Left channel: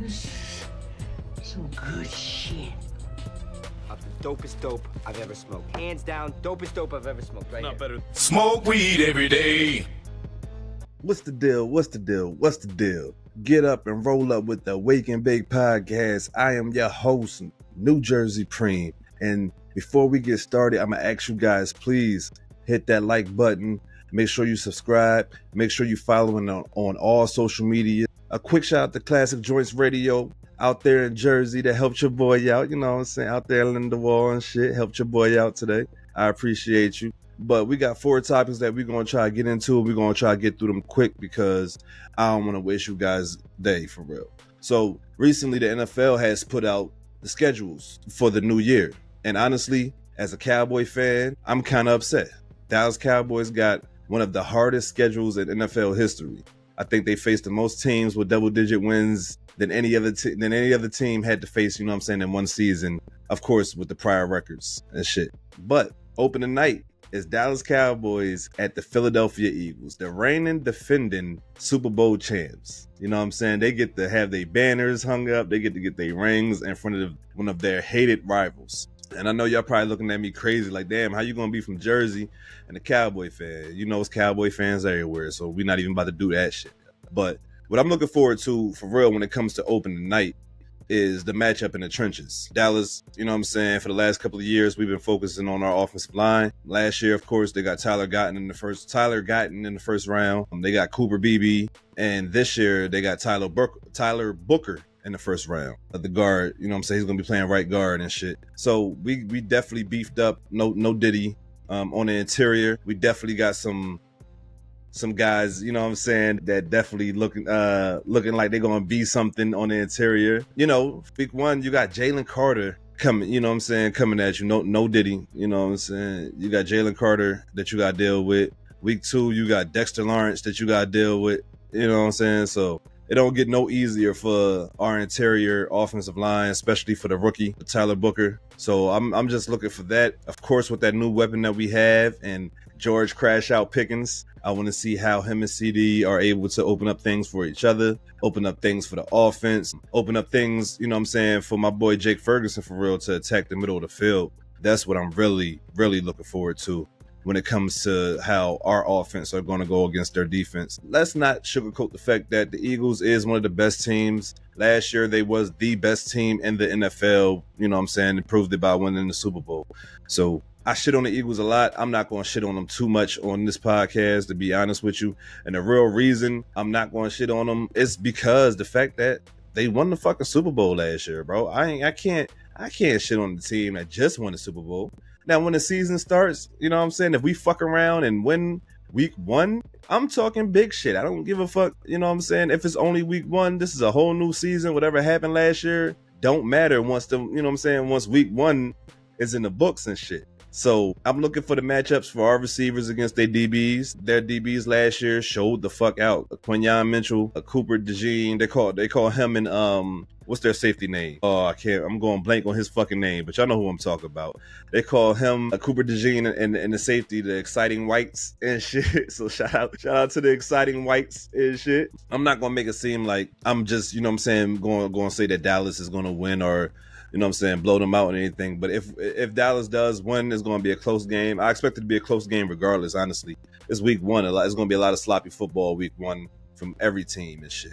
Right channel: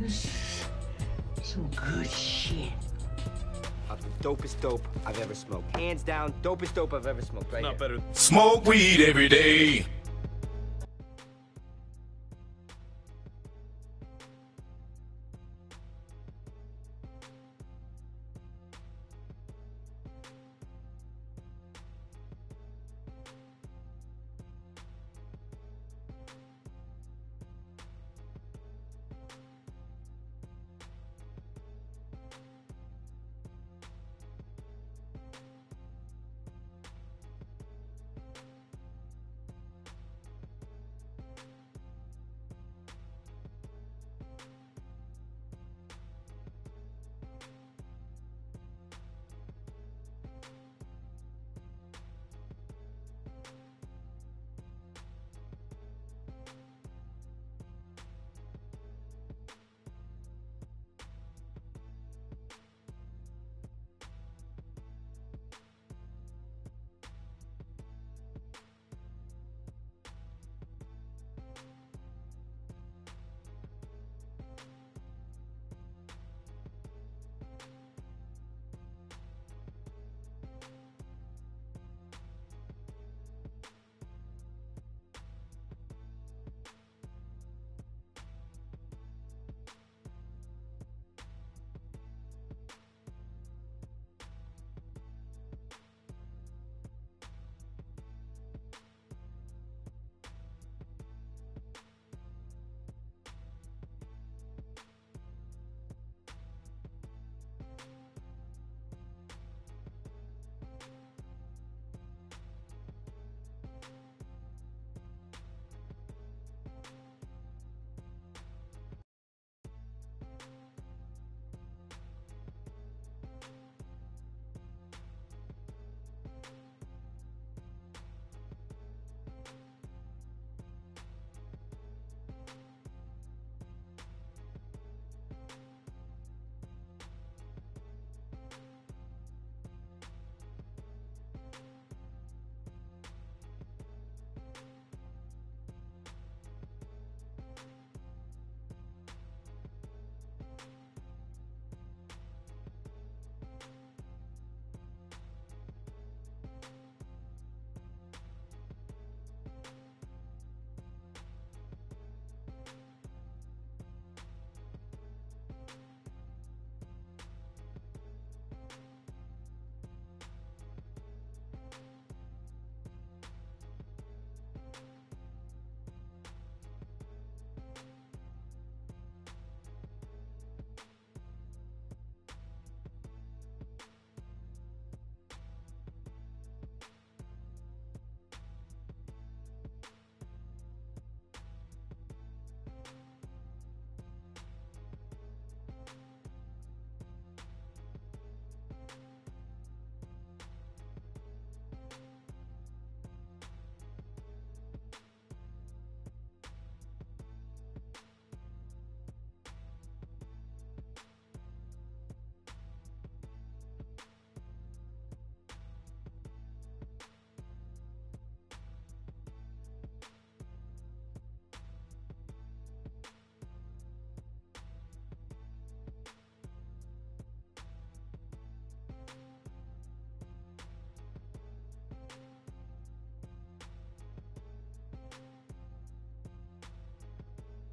This is some good shit. Of the dopest dope I've ever smoked. Hands down, dopest dope I've ever smoked. Right Not here. better. Smoke weed every day. What's the deal? What's the deal? What's the deal? Get up and roll up with the Wake and Bake podcast. I am your host, New Jersey Preem. And before we get started, I'm going to ask you guys, please hit that like button. Make sure you subscribe. Make sure you following on all social media. A quick shout out to Classic Joints Radio out there in Jersey that helped your boy out. You know what I'm saying? Out there in the wall and shit. Helped your boy out today. I appreciate you. But we got 4 topics that we're going to try to get into. We're going to try to get through them quick because I don't want to waste you guys' day for real. So recently the NFL has put out the schedules for the new year. And honestly, as a Cowboy fan, I'm kind of upset. Dallas Cowboys got one of the hardest schedules in NFL history. I think they faced the most teams with double-digit wins than any other team had to face, you know what I'm saying, in one season. Of course, with the prior records and shit. But opening night is Dallas Cowboys at the Philadelphia Eagles, the reigning, defending Super Bowl champs. You know what I'm saying? They get to have their banners hung up. They get to get their rings in front of one of their hated rivals. And I know y'all probably looking at me crazy, like, damn, how you gonna be from Jersey and a Cowboy fan? You know, it's Cowboy fans everywhere, so we're not even about to do that shit. But what I'm looking forward to, for real, when it comes to opening night, is the matchup in the trenches. Dallas, you know what I'm saying, for the last couple of years, we've been focusing on our offensive line. Last year, of course, they got Tyler Guyton in the first round. They got Cooper Beebe, and this year they got Tyler Booker in the first round of the guard. You know what I'm saying? He's gonna be playing right guard and shit. So we definitely beefed up. No Diddy on the interior. We definitely got some guys, you know what I'm saying, that definitely looking like they're gonna be something on the interior. You know, week 1, you got Jalen Carter coming, you know what I'm saying, coming at you. No Diddy, you know what I'm saying. You got Jalen Carter that you gotta deal with. Week 2, you got Dexter Lawrence that you gotta deal with. You know what I'm saying? So it don't get no easier for our interior offensive line, especially for the rookie, Tyler Booker. So I'm just looking for that. Of course, with that new weapon that we have and George Crash Out Pickens, I want to see how him and CD are able to open up things for each other, open up things for the offense, open up things, you know what I'm saying, for my boy Jake Ferguson, for real, to attack the middle of the field. That's what I'm really, really looking forward to when it comes to how our offense are going to go against their defense. Let's not sugarcoat the fact that the Eagles is one of the best teams. Last year, they was the best team in the NFL, you know what I'm saying, and proved it by winning the Super Bowl. So I shit on the Eagles a lot. I'm not going to shit on them too much on this podcast, to be honest with you. And the real reason I'm not going to shit on them is because the fact that they won the fucking Super Bowl last year, bro. I can't shit on the team that just won the Super Bowl. Now, when the season starts, you know what I'm saying, if we fuck around and win week 1, I'm talking big shit. I don't give a fuck, you know what I'm saying? If it's only week 1, this is a whole new season. Whatever happened last year don't matter once you know what I'm saying, once week 1 is in the books and shit. So I'm looking for the matchups for our receivers against their DBs. Their DBs last year showed the fuck out. Quinyon Mitchell, Cooper DeJean, they call him and what's their safety name? Oh, I'm going blank on his fucking name, but y'all know who I'm talking about. They call him Cooper DeJean and the safety, the Exciting Whites and shit. So shout out to the Exciting Whites and shit. I'm not gonna make it seem like I'm just, you know what I'm saying, going to say that Dallas is gonna win or, you know what I'm saying, blow them out or anything. But if Dallas does win, it's going to be a close game. I expect it to be a close game regardless, honestly. It's week 1. It's going to be a lot of sloppy football week 1 from every team and shit.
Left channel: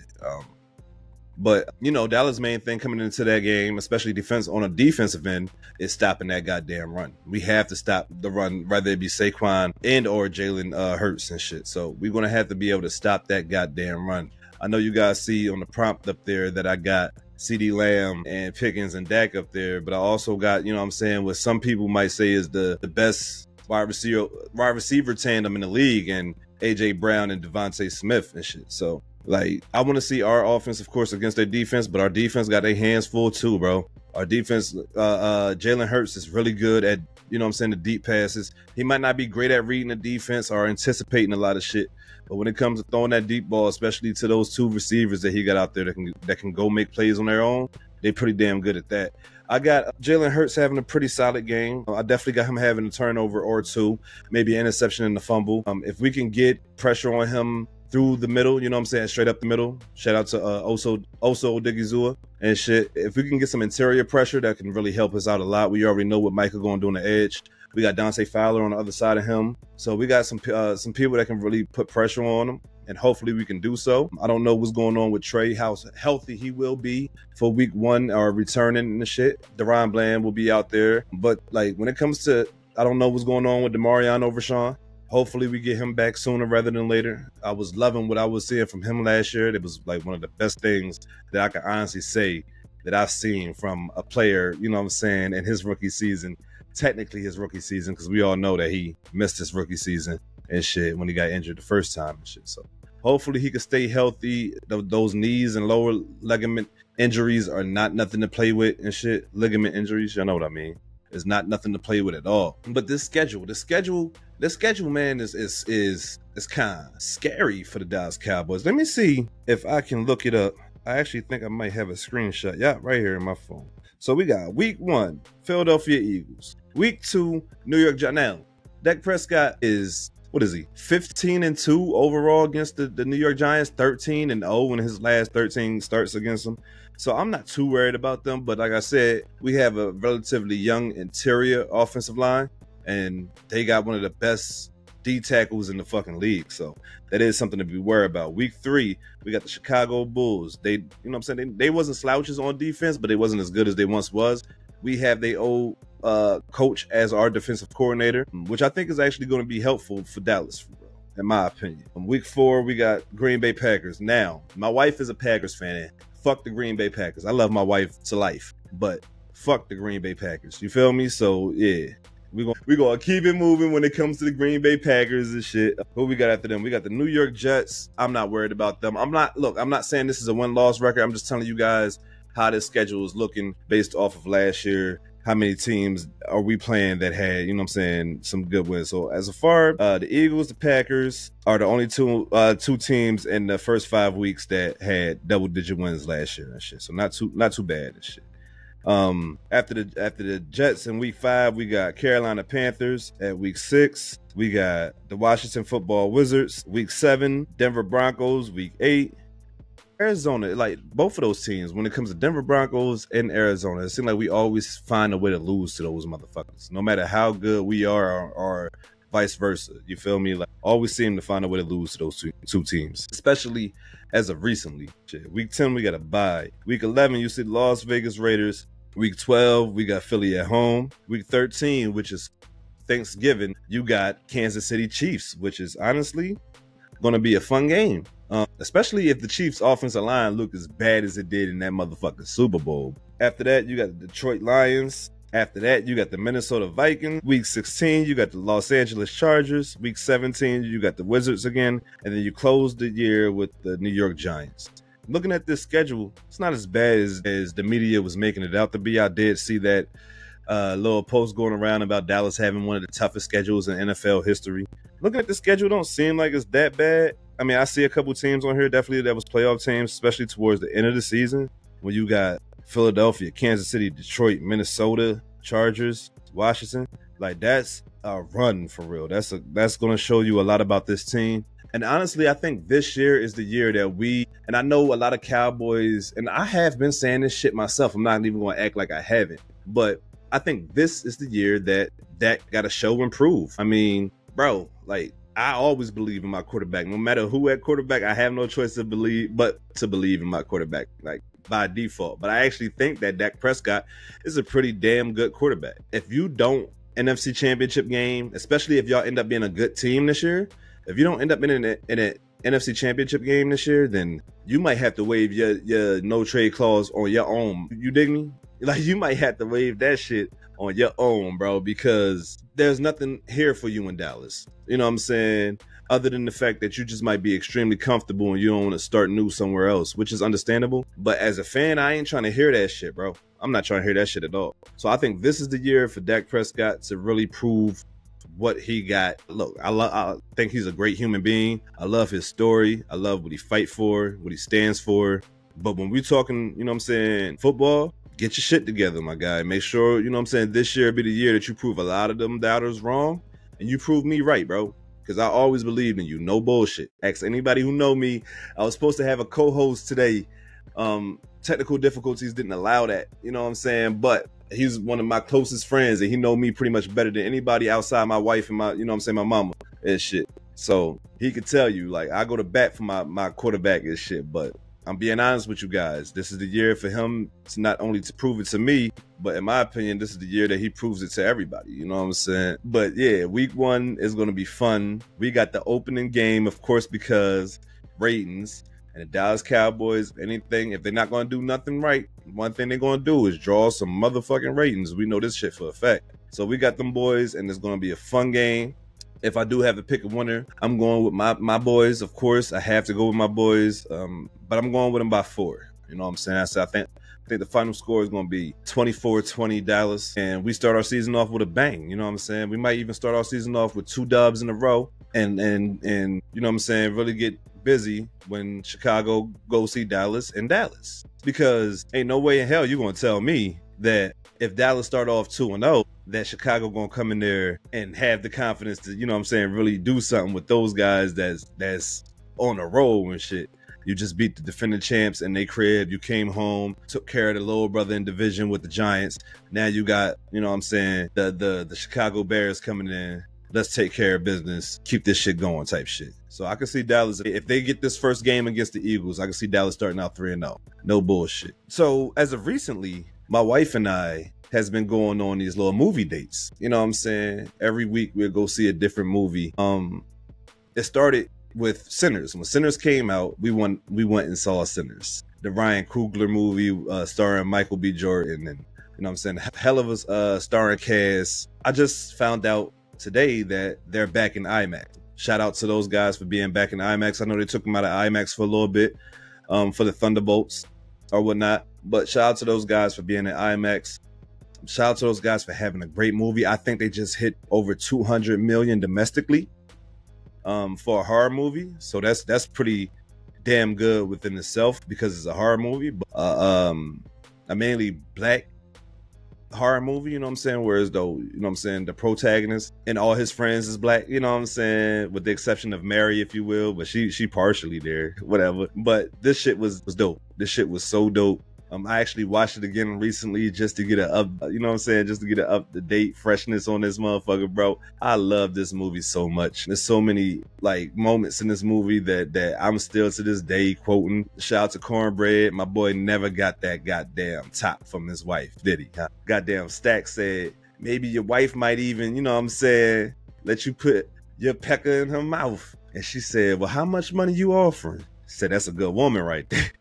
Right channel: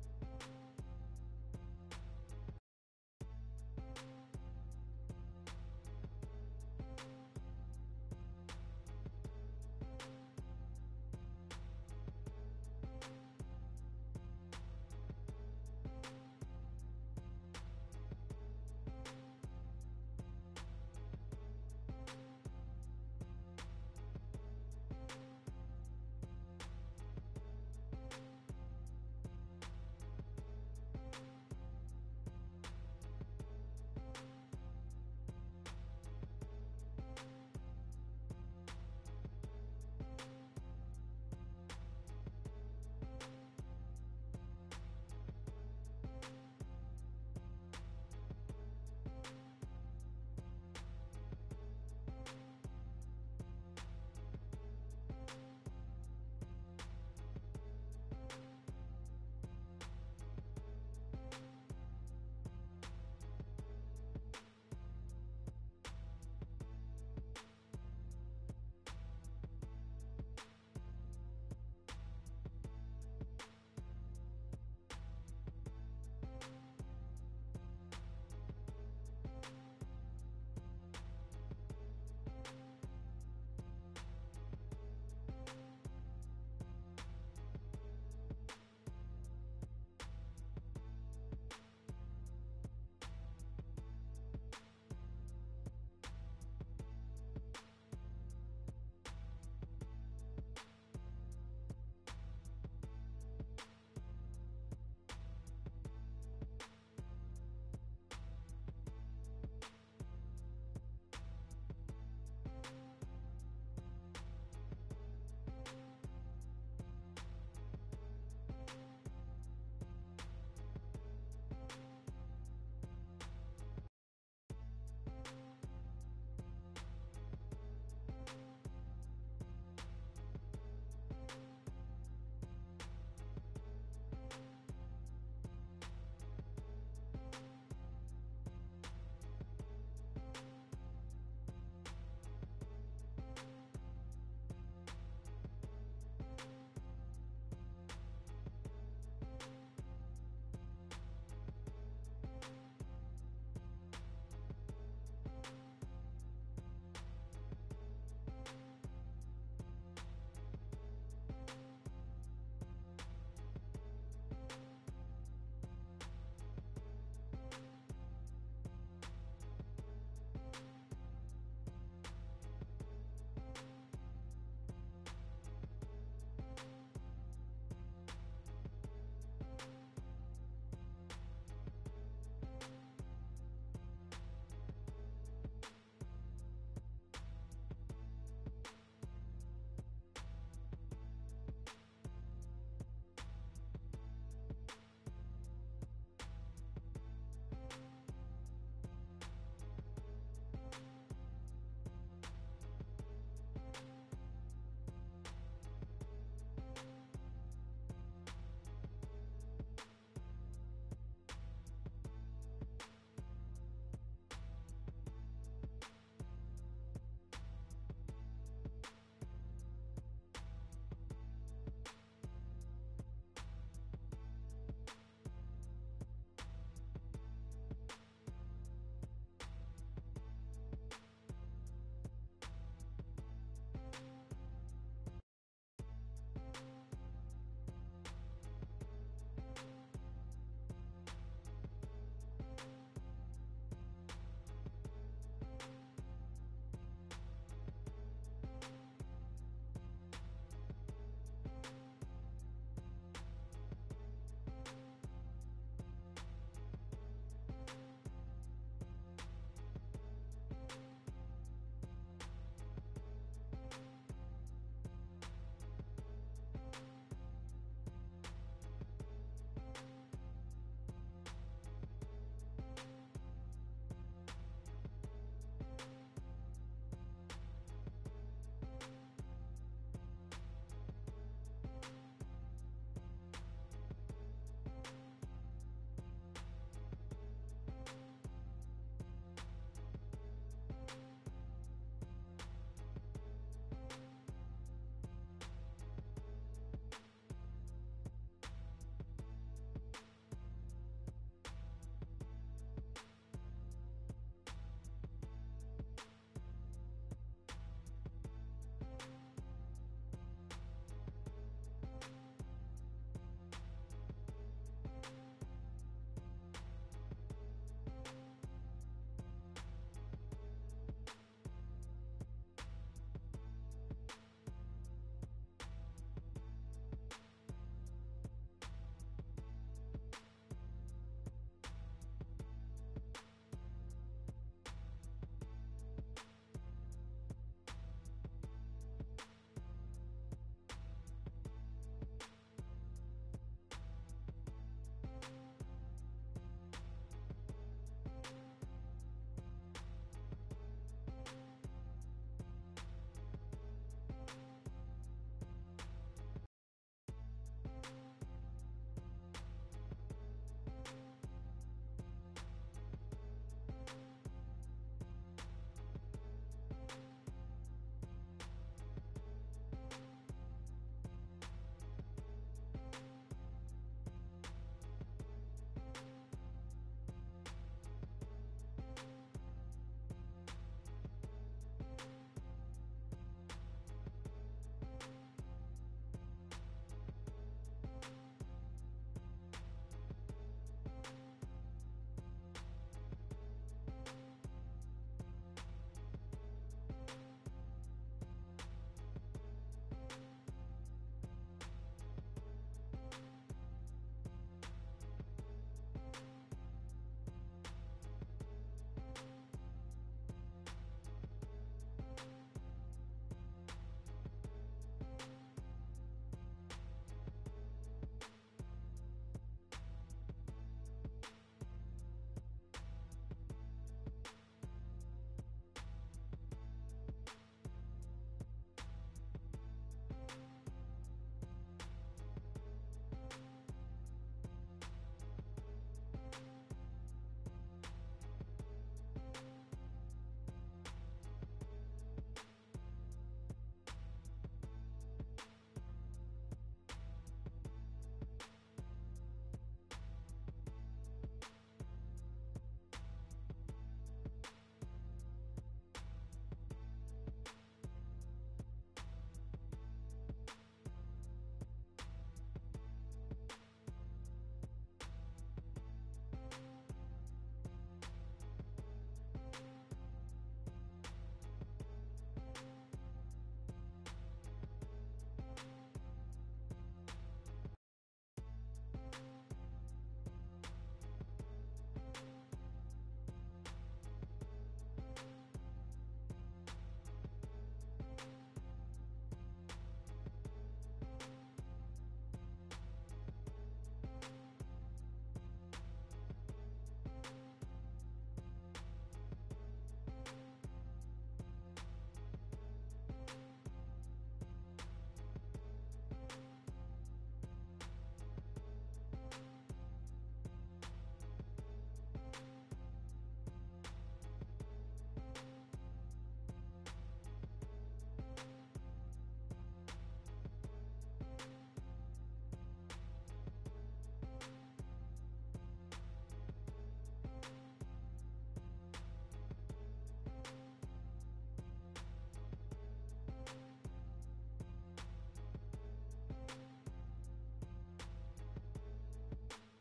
But, you know, Dallas' main thing coming into that game, especially on a defensive end, is stopping that goddamn run. We have to stop the run, whether it be Saquon and or Jalen Hurts and shit. So we're going to have to be able to stop that goddamn run. I know you guys see on the prompt up there that I got CD Lamb and Pickens and Dak up there, but I also got, you know what I'm saying, what some people might say is the best wide receiver tandem in the league, and AJ Brown and Devontae Smith and shit. So, like, I want to see our offense, of course, against their defense, but our defense got their hands full too, bro. Our defense, Jalen Hurts is really good at, you know what I'm saying, the deep passes. He might not be great at reading the defense or anticipating a lot of shit, but when it comes to throwing that deep ball, especially to those 2 receivers that he got out there that can go make plays on their own, they're pretty damn good at that. I got Jalen Hurts having a pretty solid game. I definitely got him having a turnover or 2, maybe an interception and a fumble. If we can get pressure on him through the middle, you know what I'm saying, straight up the middle. Shout out to Oso Odigizua and shit. If we can get some interior pressure, that can really help us out a lot. We already know what Michael going to do on the edge. We got Dante Fowler on the other side of him. So we got some people that can really put pressure on him, and hopefully we can do so. I don't know what's going on with Trey, how healthy he will be for week 1 or returning and the shit. Deron Bland will be out there. But like when it comes to, I don't know what's going on with DeMarion Overshawn. Hopefully we get him back sooner rather than later. I was loving what I was seeing from him last year. It was like one of the best things that I can honestly say that I've seen from a player, you know what I'm saying, in his rookie season. Technically his rookie season, because we all know that he missed his rookie season and shit when he got injured the first time and shit. So hopefully he can stay healthy. Those knees and lower ligament injuries are not nothing to play with and shit. Ligament injuries, y'all know what I mean. It's not nothing to play with at all. But this schedule, man, is kind of scary for the Dallas Cowboys. Let me see if I can look it up. I actually think I might have a screenshot. Yeah, right here in my phone. So we got week 1, Philadelphia Eagles. Week 2, New York Giants. Now, Dak Prescott is, what is he, 15-2 overall against the New York Giants, 13-0 in his last 13 starts against them. So I'm not too worried about them, but like I said, we have a relatively young interior offensive line, and they got one of the best D tackles in the fucking league. So that is something to be worried about. Week 3, we got the Chicago Bulls. They, you know what I'm saying, they wasn't slouches on defense, but they wasn't as good as they once was. We have their old coach as our defensive coordinator, which I think is actually going to be helpful for Dallas, in my opinion. Week 4, we got Green Bay Packers. Now, my wife is a Packers fan. Fuck the Green Bay Packers. I love my wife to life, but fuck the Green Bay Packers. You feel me? So yeah, we gonna keep it moving when it comes to the Green Bay Packers and shit. What we got after them? We got the New York Jets. I'm not worried about them. I'm not saying this is a win-loss record. I'm just telling you guys how this schedule is looking based off of last year. How many teams are we playing that had, you know what I'm saying, some good wins? So as far the Eagles, the Packers are the only two teams in the first 5 weeks that had double-digit wins last year and shit. So not too bad and shit. After the Jets in week 5, we got Carolina Panthers. At week 6, we got the Washington Football Wizards. Week 7, Denver Broncos. Week 8, Arizona. Like both of those teams, when it comes to Denver Broncos and Arizona, it seems like we always find a way to lose to those motherfuckers, no matter how good we are or vice versa. You feel me? Like always seem to find a way to lose to those two teams, especially as of recently. Shit. Week 10, we got a bye. Week 11, you see the Las Vegas Raiders. Week 12, we got Philly at home. Week 13, which is Thanksgiving, you got Kansas City Chiefs, which is honestly going to be a fun game. Especially if the Chiefs' offensive line look as bad as it did in that motherfucking Super Bowl. After that, you got the Detroit Lions. After that, you got the Minnesota Vikings. Week 16, you got the Los Angeles Chargers. Week 17, you got the Wizards again. And then you close the year with the New York Giants. Looking at this schedule, it's not as bad as the media was making it out to be. I did see that little post going around about Dallas having one of the toughest schedules in NFL history. Looking at the schedule, don't seem like it's that bad. I mean, I see a couple teams on here definitely that was playoff teams, especially towards the end of the season, when you got Philadelphia, Kansas City, Detroit, Minnesota, Chargers, Washington. Like that's a run for real. That's going to show you a lot about this team. And honestly, I think this year is the year that and I know a lot of Cowboys, and I have been saying this shit myself. I'm not even going to act like I haven't, but I think this is the year that got to show and prove. I mean, bro, like I always believe in my quarterback. No matter who at quarterback, I have no choice to believe in my quarterback, like by default. But I actually think that Dak Prescott is a pretty damn good quarterback. If you don't NFC Championship game, especially if y'all end up being a good team this year, if you don't end up in an NFC Championship game this year, then you might have to waive your no trade clause on your own. You dig me? Like you might have to waive that shit on your own, bro, because there's nothing here for you in Dallas. You know what I'm saying? Other than the fact that you just might be extremely comfortable and you don't want to start new somewhere else, which is understandable. But as a fan, I ain't trying to hear that shit, bro. I'm not trying to hear that shit at all. So I think this is the year for Dak Prescott to really prove what he got. Look, I think he's a great human being. I love his story. I love what he fights for, what he stands for. But when we're talking, you know what I'm saying, football, get your shit together, my guy. Make sure, you know what I'm saying, this year be the year that you prove a lot of them doubters wrong and you prove me right, bro. because I always believed in you. No bullshit. Ask anybody who know me. I was supposed to have a co-host today. Technical difficulties didn't allow that. You know what I'm saying? But he's one of my closest friends, and he know me pretty much better than anybody outside my wife and my, you know what I'm saying, my mama and shit. So he could tell you, like, I go to bat for my quarterback and shit. But I'm being honest with you guys. This is the year for him to not only to prove it to me, but in my opinion, this is the year that he proves it to everybody. You know what I'm saying? But yeah, week 1 is going to be fun. We got the opening game, of course, because ratings. And the Dallas Cowboys, anything, if they're not going to do nothing right, one thing they're going to do is draw some motherfucking ratings. We know this shit for a fact. So we got them boys, and it's going to be a fun game. If I do have to pick a winner, I'm going with my boys, of course. I have to go with my boys, but I'm going with them by 4. You know what I'm saying? So I think the final score is going to be 24-20 Dallas, and we start our season off with a bang. You know what I'm saying? We might even start our season off with 2 dubs in a row, and you know what I'm saying, really get busy when Chicago go see Dallas in Dallas. Because ain't no way in hell you're going to tell me that if Dallas start off 2-0, that Chicago going to come in there and have the confidence to, you know what I'm saying, really do something with those guys that's on a roll and shit. You just beat the defending champs in their crib. You came home, took care of the little brother in division with the Giants. Now you got, you know what I'm saying, the Chicago Bears coming in. Let's take care of business, keep this shit going type shit. So I can see Dallas, if they get this first game against the Eagles, I can see Dallas starting out 3-0. No bullshit. So as of recently, my wife and I has been going on these little movie dates. You know what I'm saying? Every week we'll go see a different movie. It started with Sinners. When Sinners came out, we went and saw Sinners. The Ryan Coogler movie starring Michael B. Jordan, and you know what I'm saying? Hell of a starring cast. I just found out today that they're back in IMAX. Shout out to those guys for being back in IMAX. I know they took them out of IMAX for a little bit for the Thunderbolts or whatnot, but shout out to those guys for being in IMAX. Shout out to those guys for having a great movie. I think they just hit over 200 million domestically for a horror movie, so that's pretty damn good within itself because it's a horror movie, but a mainly black horror movie, you know what I'm saying, whereas though, you know what I'm saying, the protagonist and all his friends is black, you know what I'm saying, with the exception of Mary, if you will, but she partially there, whatever. But this shit was dope. This shit was so dope. I actually watched it again recently just to get you know what I'm saying, just to get an up-to-date freshness on this motherfucker, bro. I love this movie so much. There's so many like moments in this movie that I'm still to this day quoting. Shout out to Cornbread. My boy never got that goddamn top from his wife, did he? Goddamn Stack said, maybe your wife might even, you know what I'm saying, let you put your pecker in her mouth. And she said, well, how much money you offering? She said, that's a good woman right there.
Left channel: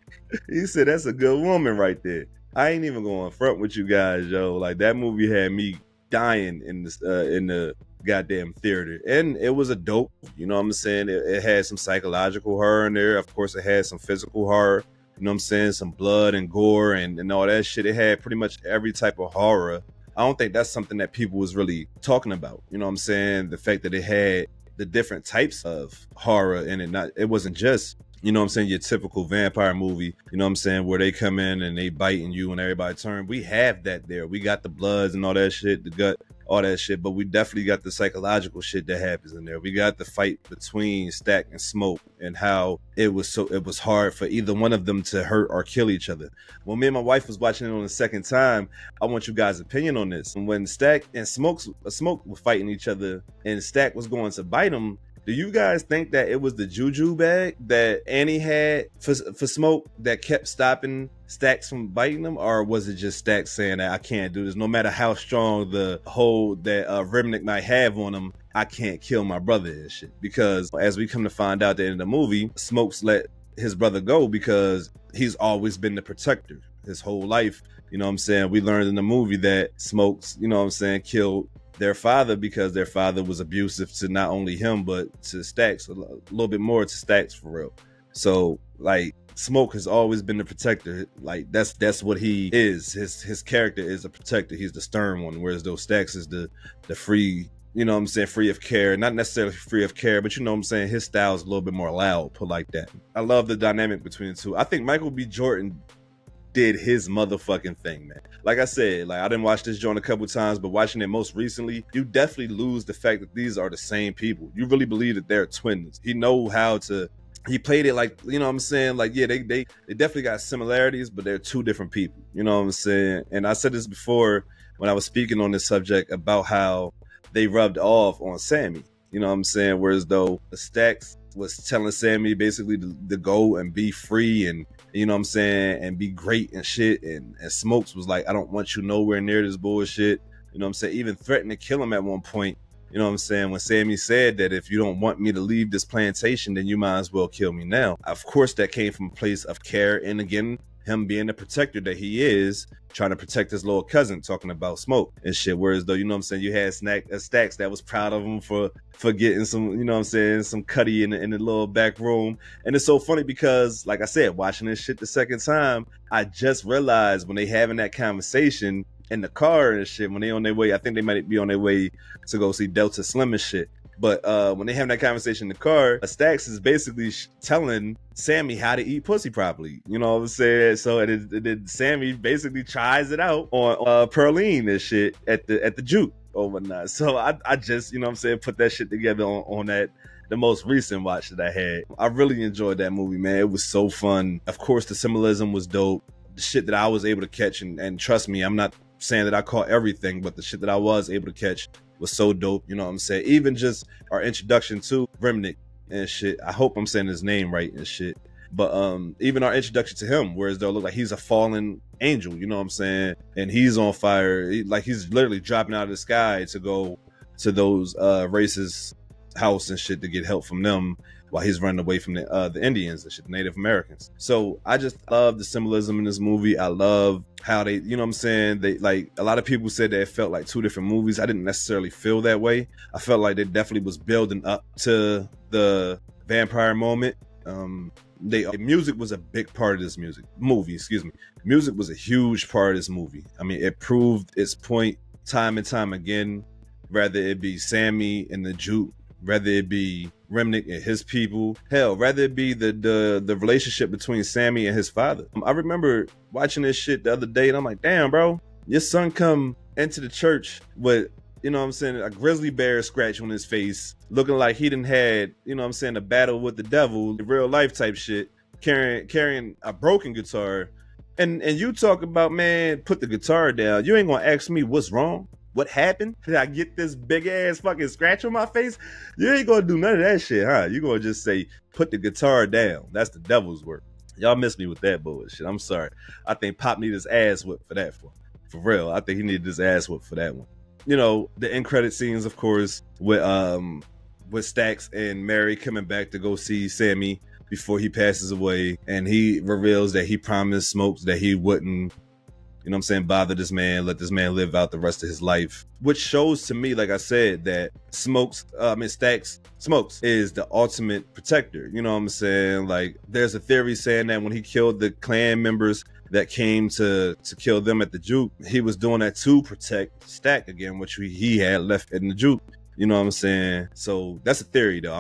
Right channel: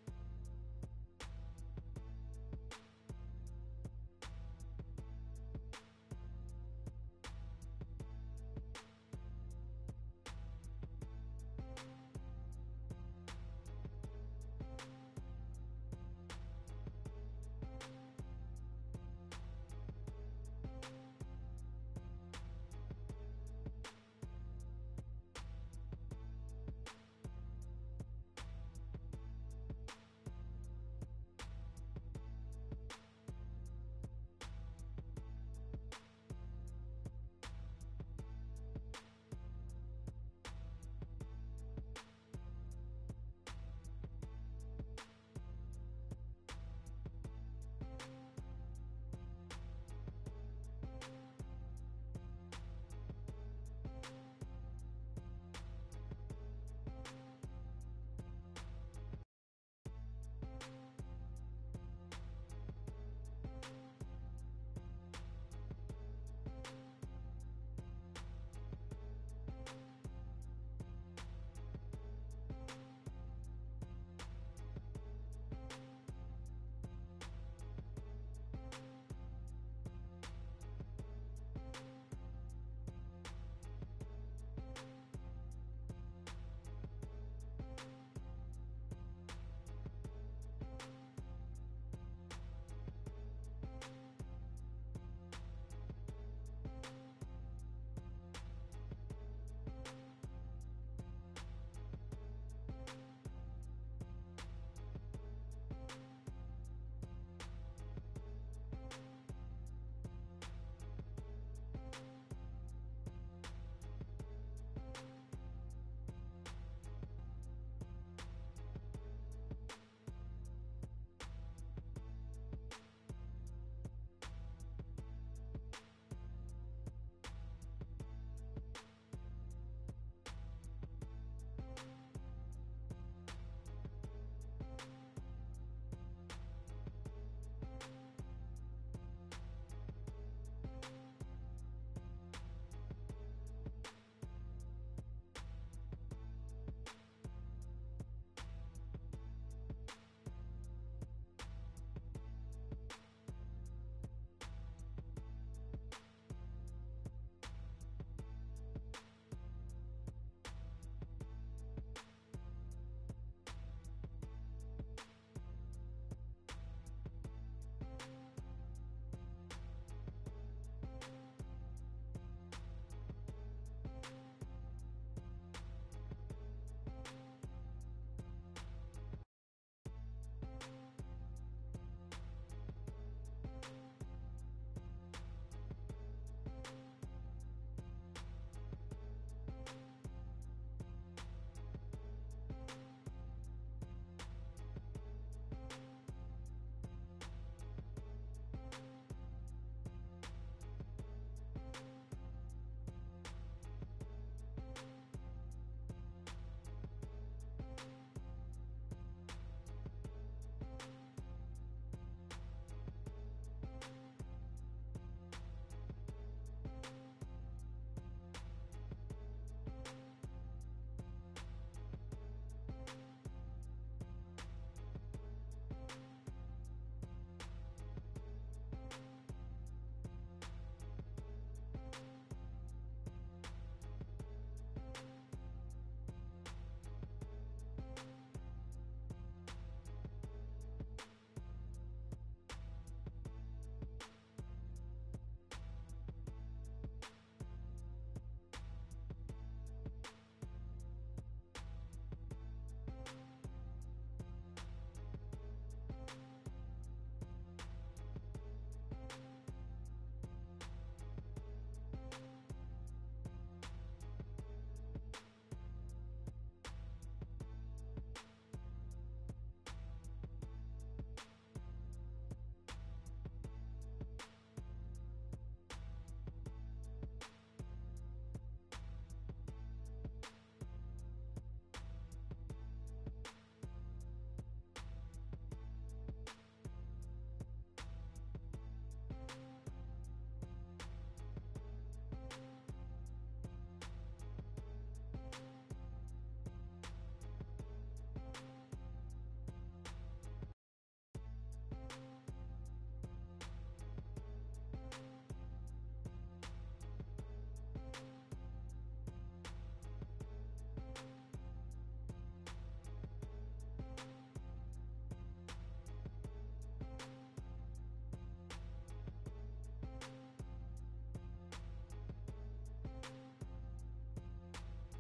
He said, that's a good woman right there. I ain't even going front with you guys, yo. Like, that movie had me dying in the goddamn theater. And it was a dope, you know what I'm saying? It had some psychological horror in there. Of course, it had some physical horror. You know what I'm saying? Some blood and gore and all that shit. It had pretty much every type of horror. I don't think that's something that people was really talking about. You know what I'm saying? The fact that it had the different types of horror in it. It wasn't just, you know what I'm saying, your typical vampire movie, you know what I'm saying, where they come in and they biting you and everybody turn. We have that there. We got the bloods and all that shit, the gut, all that shit, but we definitely got the psychological shit that happens in there. We got the fight between Stack and Smoke and how it was hard for either one of them to hurt or kill each other. When me and my wife was watching it on the second time, I want you guys' opinion on this. And when Stack and Smoke were fighting each other and Stack was going to bite him, do you guys think that it was the juju bag that Annie had for Smoke that kept stopping Stacks from biting him? Or was it just Stacks saying that I can't do this? No matter how strong the hold that Remnick might have on him, I can't kill my brother and shit. Because as we come to find out at the end of the movie, Smokes let his brother go because he's always been the protector his whole life. You know what I'm saying? We learned in the movie that Smokes, you know what I'm saying, killed their father because their father was abusive to not only him but to Stacks, a little bit more to Stacks for real. So like Smoke has always been the protector. Like that's what he is. His character is a protector. He's the stern one, whereas though Stacks is the free, you know what I'm saying, free of care. Not necessarily free of care, but you know what I'm saying, his style is a little bit more loud, put like that. I love the dynamic between the two. I think Michael B. Jordan did his motherfucking thing, man. like I said, like I didn't watch this joint a couple times, but watching it most recently, you definitely lose the fact that these are the same people. You really believe that they're twins. He played it like, you know what I'm saying? Like, yeah, they definitely got similarities, but they're two different people. You know what I'm saying? And I said this before when I was speaking on this subject about how they rubbed off on Sammy. You know what I'm saying? Whereas though the Stacks was telling Sammy basically to go and be free and, you know what I'm saying, and be great and shit. And Smokes was like, I don't want you nowhere near this bullshit. You know what I'm saying? Even threatened to kill him at one point. You know what I'm saying? When Sammy said that if you don't want me to leave this plantation, then you might as well kill me now. Of course, that came from a place of care. And again, him being the protector that he is, trying to protect his little cousin, talking about Smoke and shit. Whereas though, you know what I'm saying, you had Stacks that was proud of him for getting some, you know what I'm saying, some cutty in the little back room. And it's so funny because, like I said, watching this shit the second time, I just realized when they having that conversation in the car and shit, when they on their way, I think they might be on their way to go see Delta Slim and shit. But when they having that conversation in the car, Stacks is basically telling Sammy how to eat pussy properly. You know what I'm saying? So and then Sammy basically tries it out on Pearline and shit at the juke overnight. So I just, you know what I'm saying, put that shit together on the most recent watch that I had. I really enjoyed that movie, man. It was so fun. Of course, the symbolism was dope. The shit that I was able to catch, and trust me, I'm not saying that I caught everything, but the shit that I was able to catch was so dope. You know what I'm saying? Even just our introduction to Remnick and shit. I hope I'm saying his name right and shit. But even our introduction to him, whereas though it look like he's a fallen angel, you know what I'm saying? And he's on fire. Like he's literally dropping out of the sky to go to those racist house and shit to get help from them while he's running away from the Indians and shit, the Native Americans. So I just love the symbolism in this movie. I love how they, you know what I'm saying? They, like, a lot of people said that it felt like two different movies. I didn't necessarily feel that way. I felt like they definitely was building up to the vampire moment. Music was a big part of this movie. Music was a huge part of this movie. I mean, it proved its point time and time again, whether it be Sammy and the Juke, whether it be Remnick and his people, hell, rather it be the relationship between Sammy and his father. I remember watching this shit the other day and I'm like, damn, bro, your son come into the church with, you know what I'm saying, a grizzly bear scratch on his face, looking like he done had, you know what I'm saying, a battle with the devil, real life type shit, carrying a broken guitar. And you talk about, man, put the guitar down. You ain't gonna ask me what's wrong. What happened? Did I get this big ass fucking scratch on my face? You ain't gonna do none of that shit, huh? You gonna just say, put the guitar down. That's the devil's work. Y'all miss me with that bullshit. I'm sorry. I think Pop needed his ass whipped for that one. For real. I think he needed his ass whipped for that one. You know, the end credit scenes, of course, with Stacks and Mary coming back to go see Sammy before he passes away. And he reveals that he promised Smokes that he wouldn't, you know what I'm saying, bother this man, let this man live out the rest of his life. Which shows to me, like I said, that Smokes is the ultimate protector. You know what I'm saying? Like, there's a theory saying that when he killed the Klan members that came to kill them at the juke, he was doing that to protect Stack again, which he had left in the juke. You know what I'm saying? So that's a theory, though.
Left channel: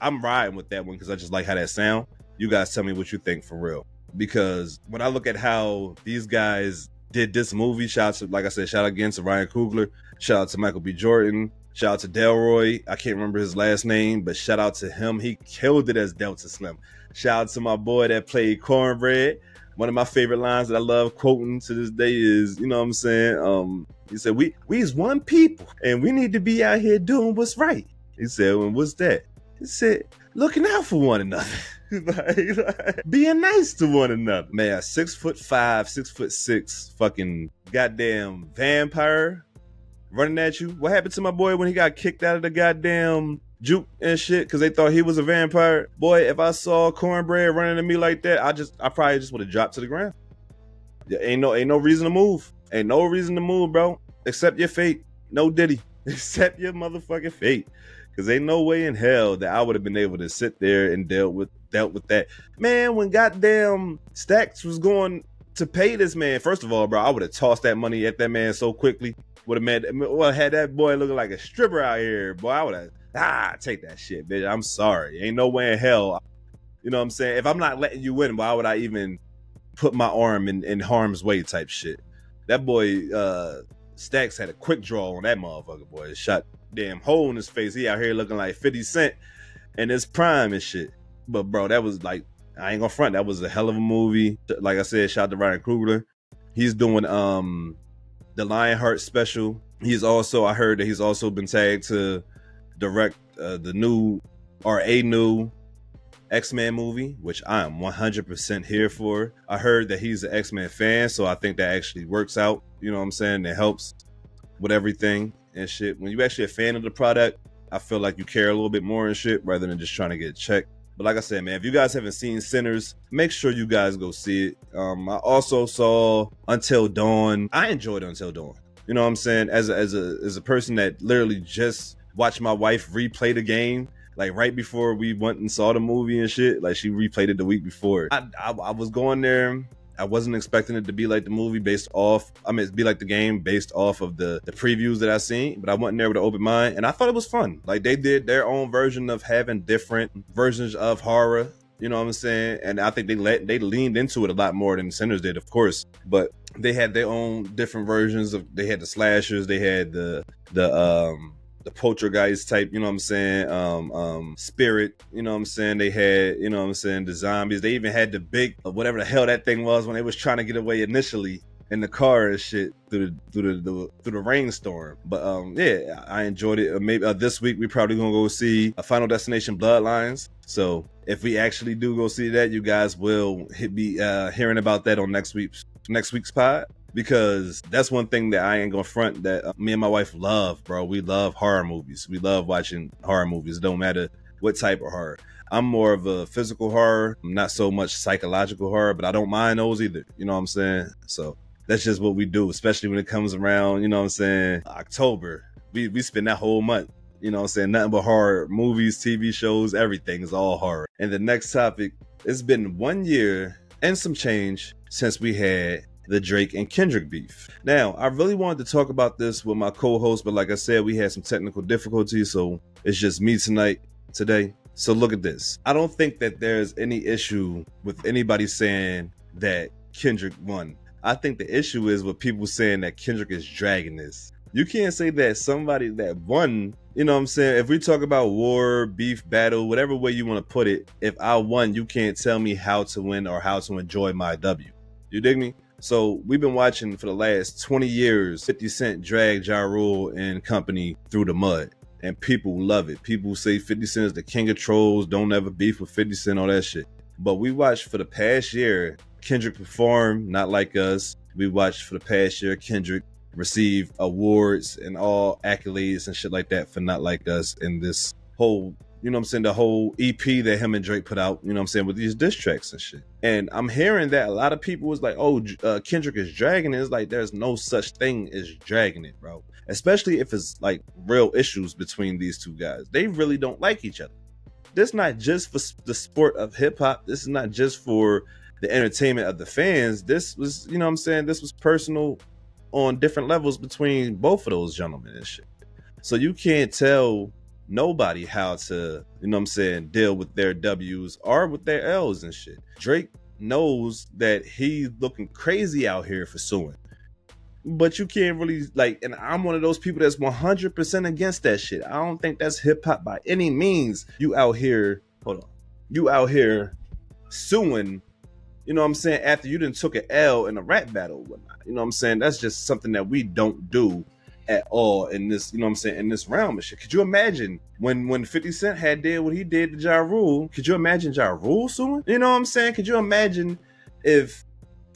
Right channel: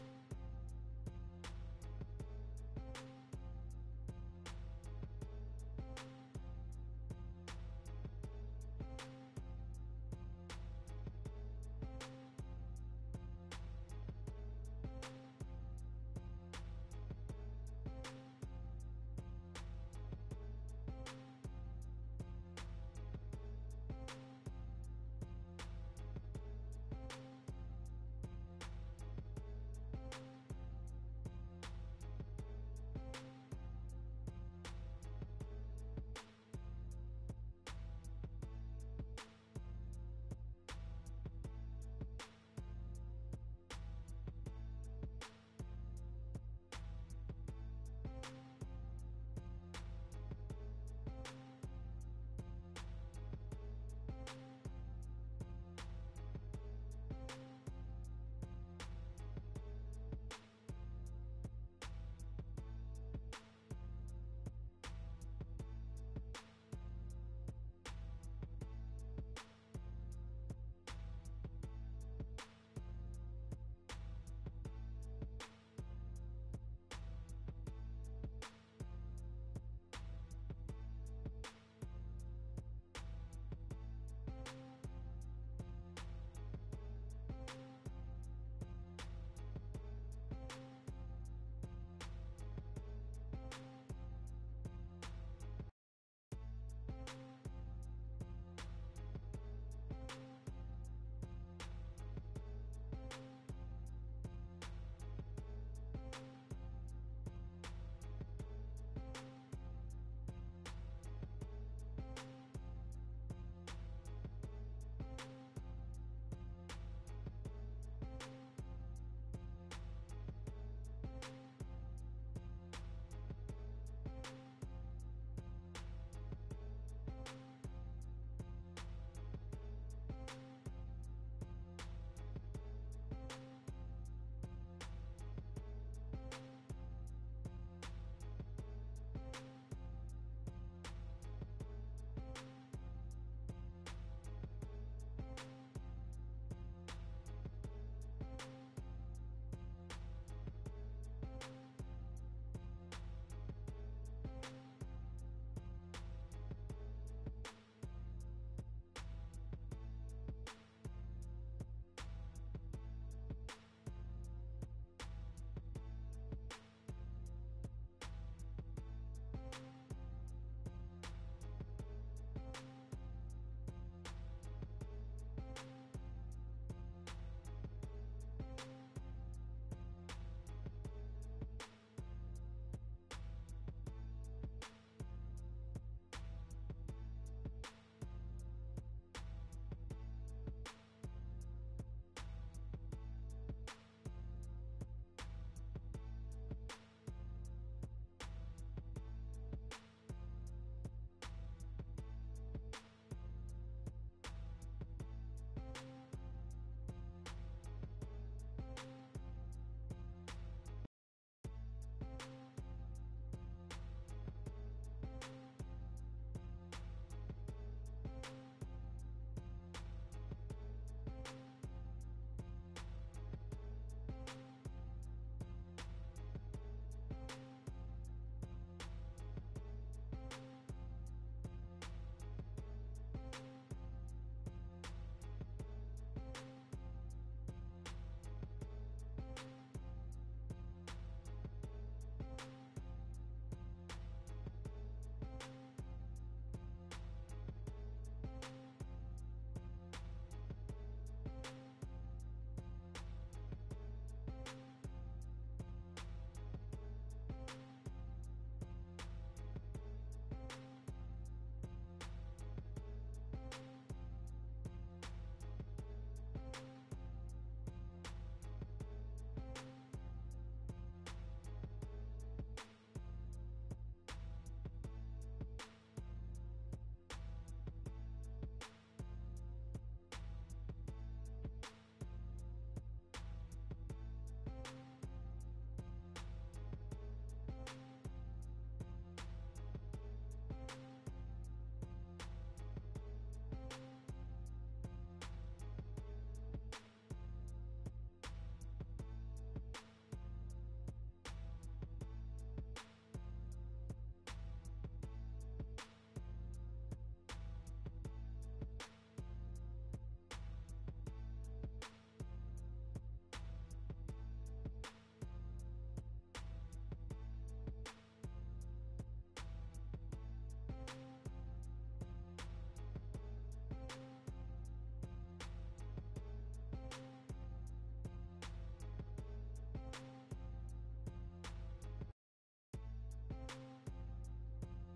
I'm riding with that one because I just like how that sound. You guys tell me what you think for real. Because when I look at how these guys did this movie, shout out to, like I said, shout out again to Ryan Coogler, shout out to Michael B. Jordan, shout out to Delroy, I can't remember his last name, but shout out to him. He killed it as Delta Slim. Shout out to my boy that played Cornbread. One of my favorite lines that I love quoting to this day is, you know what I'm saying? He said, we is one people and we need to be out here doing what's right. He said, well, what's that? He said, looking out for one another. like, being nice to one another. Man, a 6'5", 6'6" fucking goddamn vampire running at you. What happened to my boy when he got kicked out of the goddamn juke and shit because they thought he was a vampire? Boy, if I saw Cornbread running at me like that, I probably just would have dropped to the ground. Yeah, ain't no reason to move. Ain't no reason to move, bro. Accept your fate. No Diddy. Accept your motherfucking fate. Because ain't no way in hell that I would have been able to sit there and dealt with that. Man, when goddamn Stacks was going to pay this man, first of all, bro, I would have tossed that money at that man so quickly. Would have had that boy looking like a stripper out here. Boy, I would have, take that shit, bitch. I'm sorry. Ain't no way in hell. You know what I'm saying? If I'm not letting you win, why would I even put my arm in harm's way type shit? That boy Stacks had a quick draw on that motherfucker, boy. Shot damn hole in his face. He out here looking like 50 Cent in his prime and shit. But bro, that was like, I ain't gonna front, that was a hell of a movie. Like I said, shout out to Ryan Coogler. He's doing the Lionheart special. He's also, I heard that he's also been tagged to direct the new or a new X-Men movie, which I am 100% here for. I heard that he's an X-Men fan, so I think that actually works out. You know what I'm saying? It helps with everything and shit. When you actually a fan of the product, I feel like you care a little bit more and shit rather than just trying to get checked. But like I said, man, if you guys haven't seen Sinners, make sure you guys go see it. I also saw Until Dawn. I enjoyed Until Dawn. You know what I'm saying? As a person that literally just watched my wife replay the game, like right before we went and saw the movie and shit, like she replayed it the week before. I was going there. I wasn't expecting it to be like the movie based off, it'd be like the game based off of the previews that I seen, but I went in there with an open mind and I thought it was fun. Like they did their own version of having different versions of horror, you know what I'm saying? And I think they leaned into it a lot more than Sinners did, of course, but they had their own different versions of, they had the slashers, they had the poltergeist type, you know what I'm saying, spirit, you know what I'm saying, they had, you know what I'm saying, the zombies, they even had the big, whatever the hell that thing was when they was trying to get away initially in the car and shit through the rainstorm. But yeah, I enjoyed it. Maybe this week we probably gonna go see a Final Destination Bloodlines. So if we actually do go see that, you guys will be hearing about that on next week's pod. Because that's one thing that I ain't gonna front that me and my wife love, bro. We love horror movies. We love watching horror movies. It don't matter what type of horror. I'm more of a physical horror, not so much psychological horror, but I don't mind those either. You know what I'm saying? So that's just what we do, especially when it comes around, you know what I'm saying, October. We spend that whole month, you know what I'm saying, nothing but horror movies, TV shows, everything is all horror. And the next topic, it's been 1 year and some change since we had the Drake and Kendrick beef. Now, I really wanted to talk about this with my co-host, but like I said, we had some technical difficulties, so it's just me today. So look at this. I don't think that there's any issue with anybody saying that Kendrick won. I think the issue is with people saying that Kendrick is dragging this. You can't say that somebody that won, you know what I'm saying? If we talk about war, beef, battle, whatever way you want to put it, if I won, you can't tell me how to win or how to enjoy my W. You dig me? So we've been watching for the last 20 years 50 Cent drag Ja Rule and company through the mud. And people love it. People say 50 Cent is the king of trolls, don't ever beef with 50 Cent, all that shit. But we watched for the past year Kendrick perform Not Like Us. We watched for the past year Kendrick receive awards and all accolades and shit like that for Not Like Us in this whole, you know what I'm saying, the whole EP that him and Drake put out, you know what I'm saying, with these diss tracks and shit. And I'm hearing that a lot of people was like, oh, Kendrick is dragging it. It's like, there's no such thing as dragging it, bro. Especially if it's like real issues between these two guys. They really don't like each other. This is not just for the sport of hip hop. This is not just for the entertainment of the fans. This was, you know what I'm saying, this was personal on different levels between both of those gentlemen and shit. So you can't tell nobody how to, you know what I'm saying, deal with their W's or with their L's and shit. Drake knows that he's looking crazy out here for suing. But you can't really, like, and I'm one of those people that's 100% against that shit. I don't think that's hip hop by any means. You out here suing, you know what I'm saying, after you done took an L in a rap battle or whatnot. You know what I'm saying? That's just something that we don't do at all in this, you know what I'm saying, in this realm of shit. Could you imagine when 50 Cent had did what he did to Ja Rule? Could you imagine Ja Rule suing? You know what I'm saying? Could you imagine if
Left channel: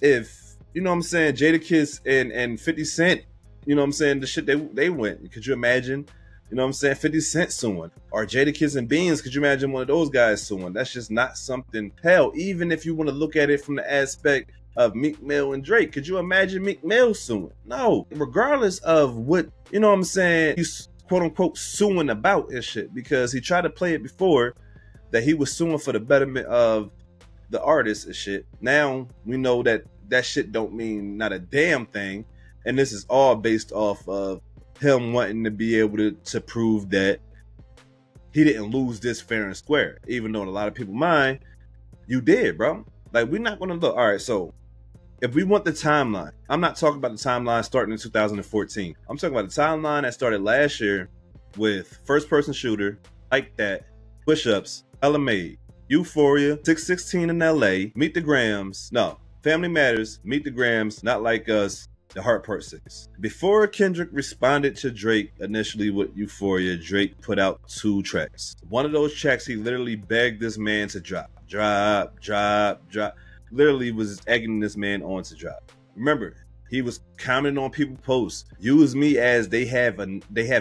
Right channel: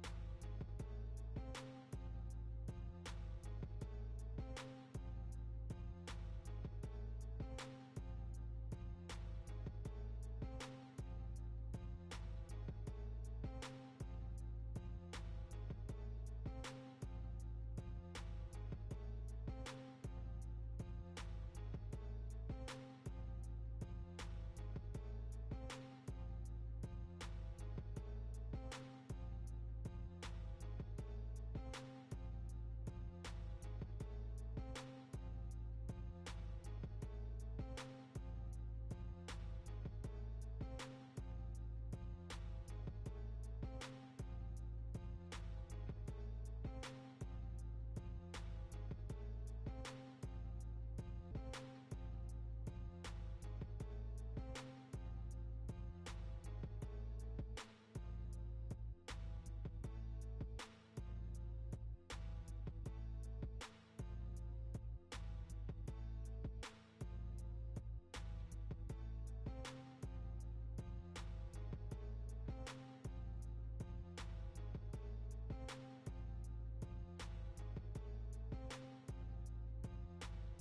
you know what I'm saying, Jadakiss and 50 Cent, you know what I'm saying, the shit they went? Could you imagine, you know what I'm saying, 50 Cent suing? Or Jadakiss and Beans, could you imagine one of those guys suing? That's just not something. Hell, even if you want to look at it from the aspect of Meek Mill and Drake, could you imagine Meek Mill suing? No. Regardless of what, you know what I'm saying, he's quote unquote suing about and shit, because he tried to play it before that he was suing for the betterment of the artist and shit. Now we know that that shit don't mean not a damn thing, and this is all based off of him wanting to be able to prove that he didn't lose this fair and square, even though in a lot of people's mind, you did, bro. Like, we're not gonna look, all right, so if we want the timeline, I'm not talking about the timeline starting in 2014. I'm talking about the timeline that started last year with First Person Shooter, Like That, Push Ups, Ella Made, Euphoria, 616 in LA, Meet the Grams, no, Family Matters, Meet the Grams, Not Like Us, The Heart Part 6. Before Kendrick responded to Drake initially with Euphoria, Drake put out 2 tracks. One of those tracks, he literally begged this man to drop. Literally was egging this man on to drop. Remember, he was commenting on people's posts. Use me as they have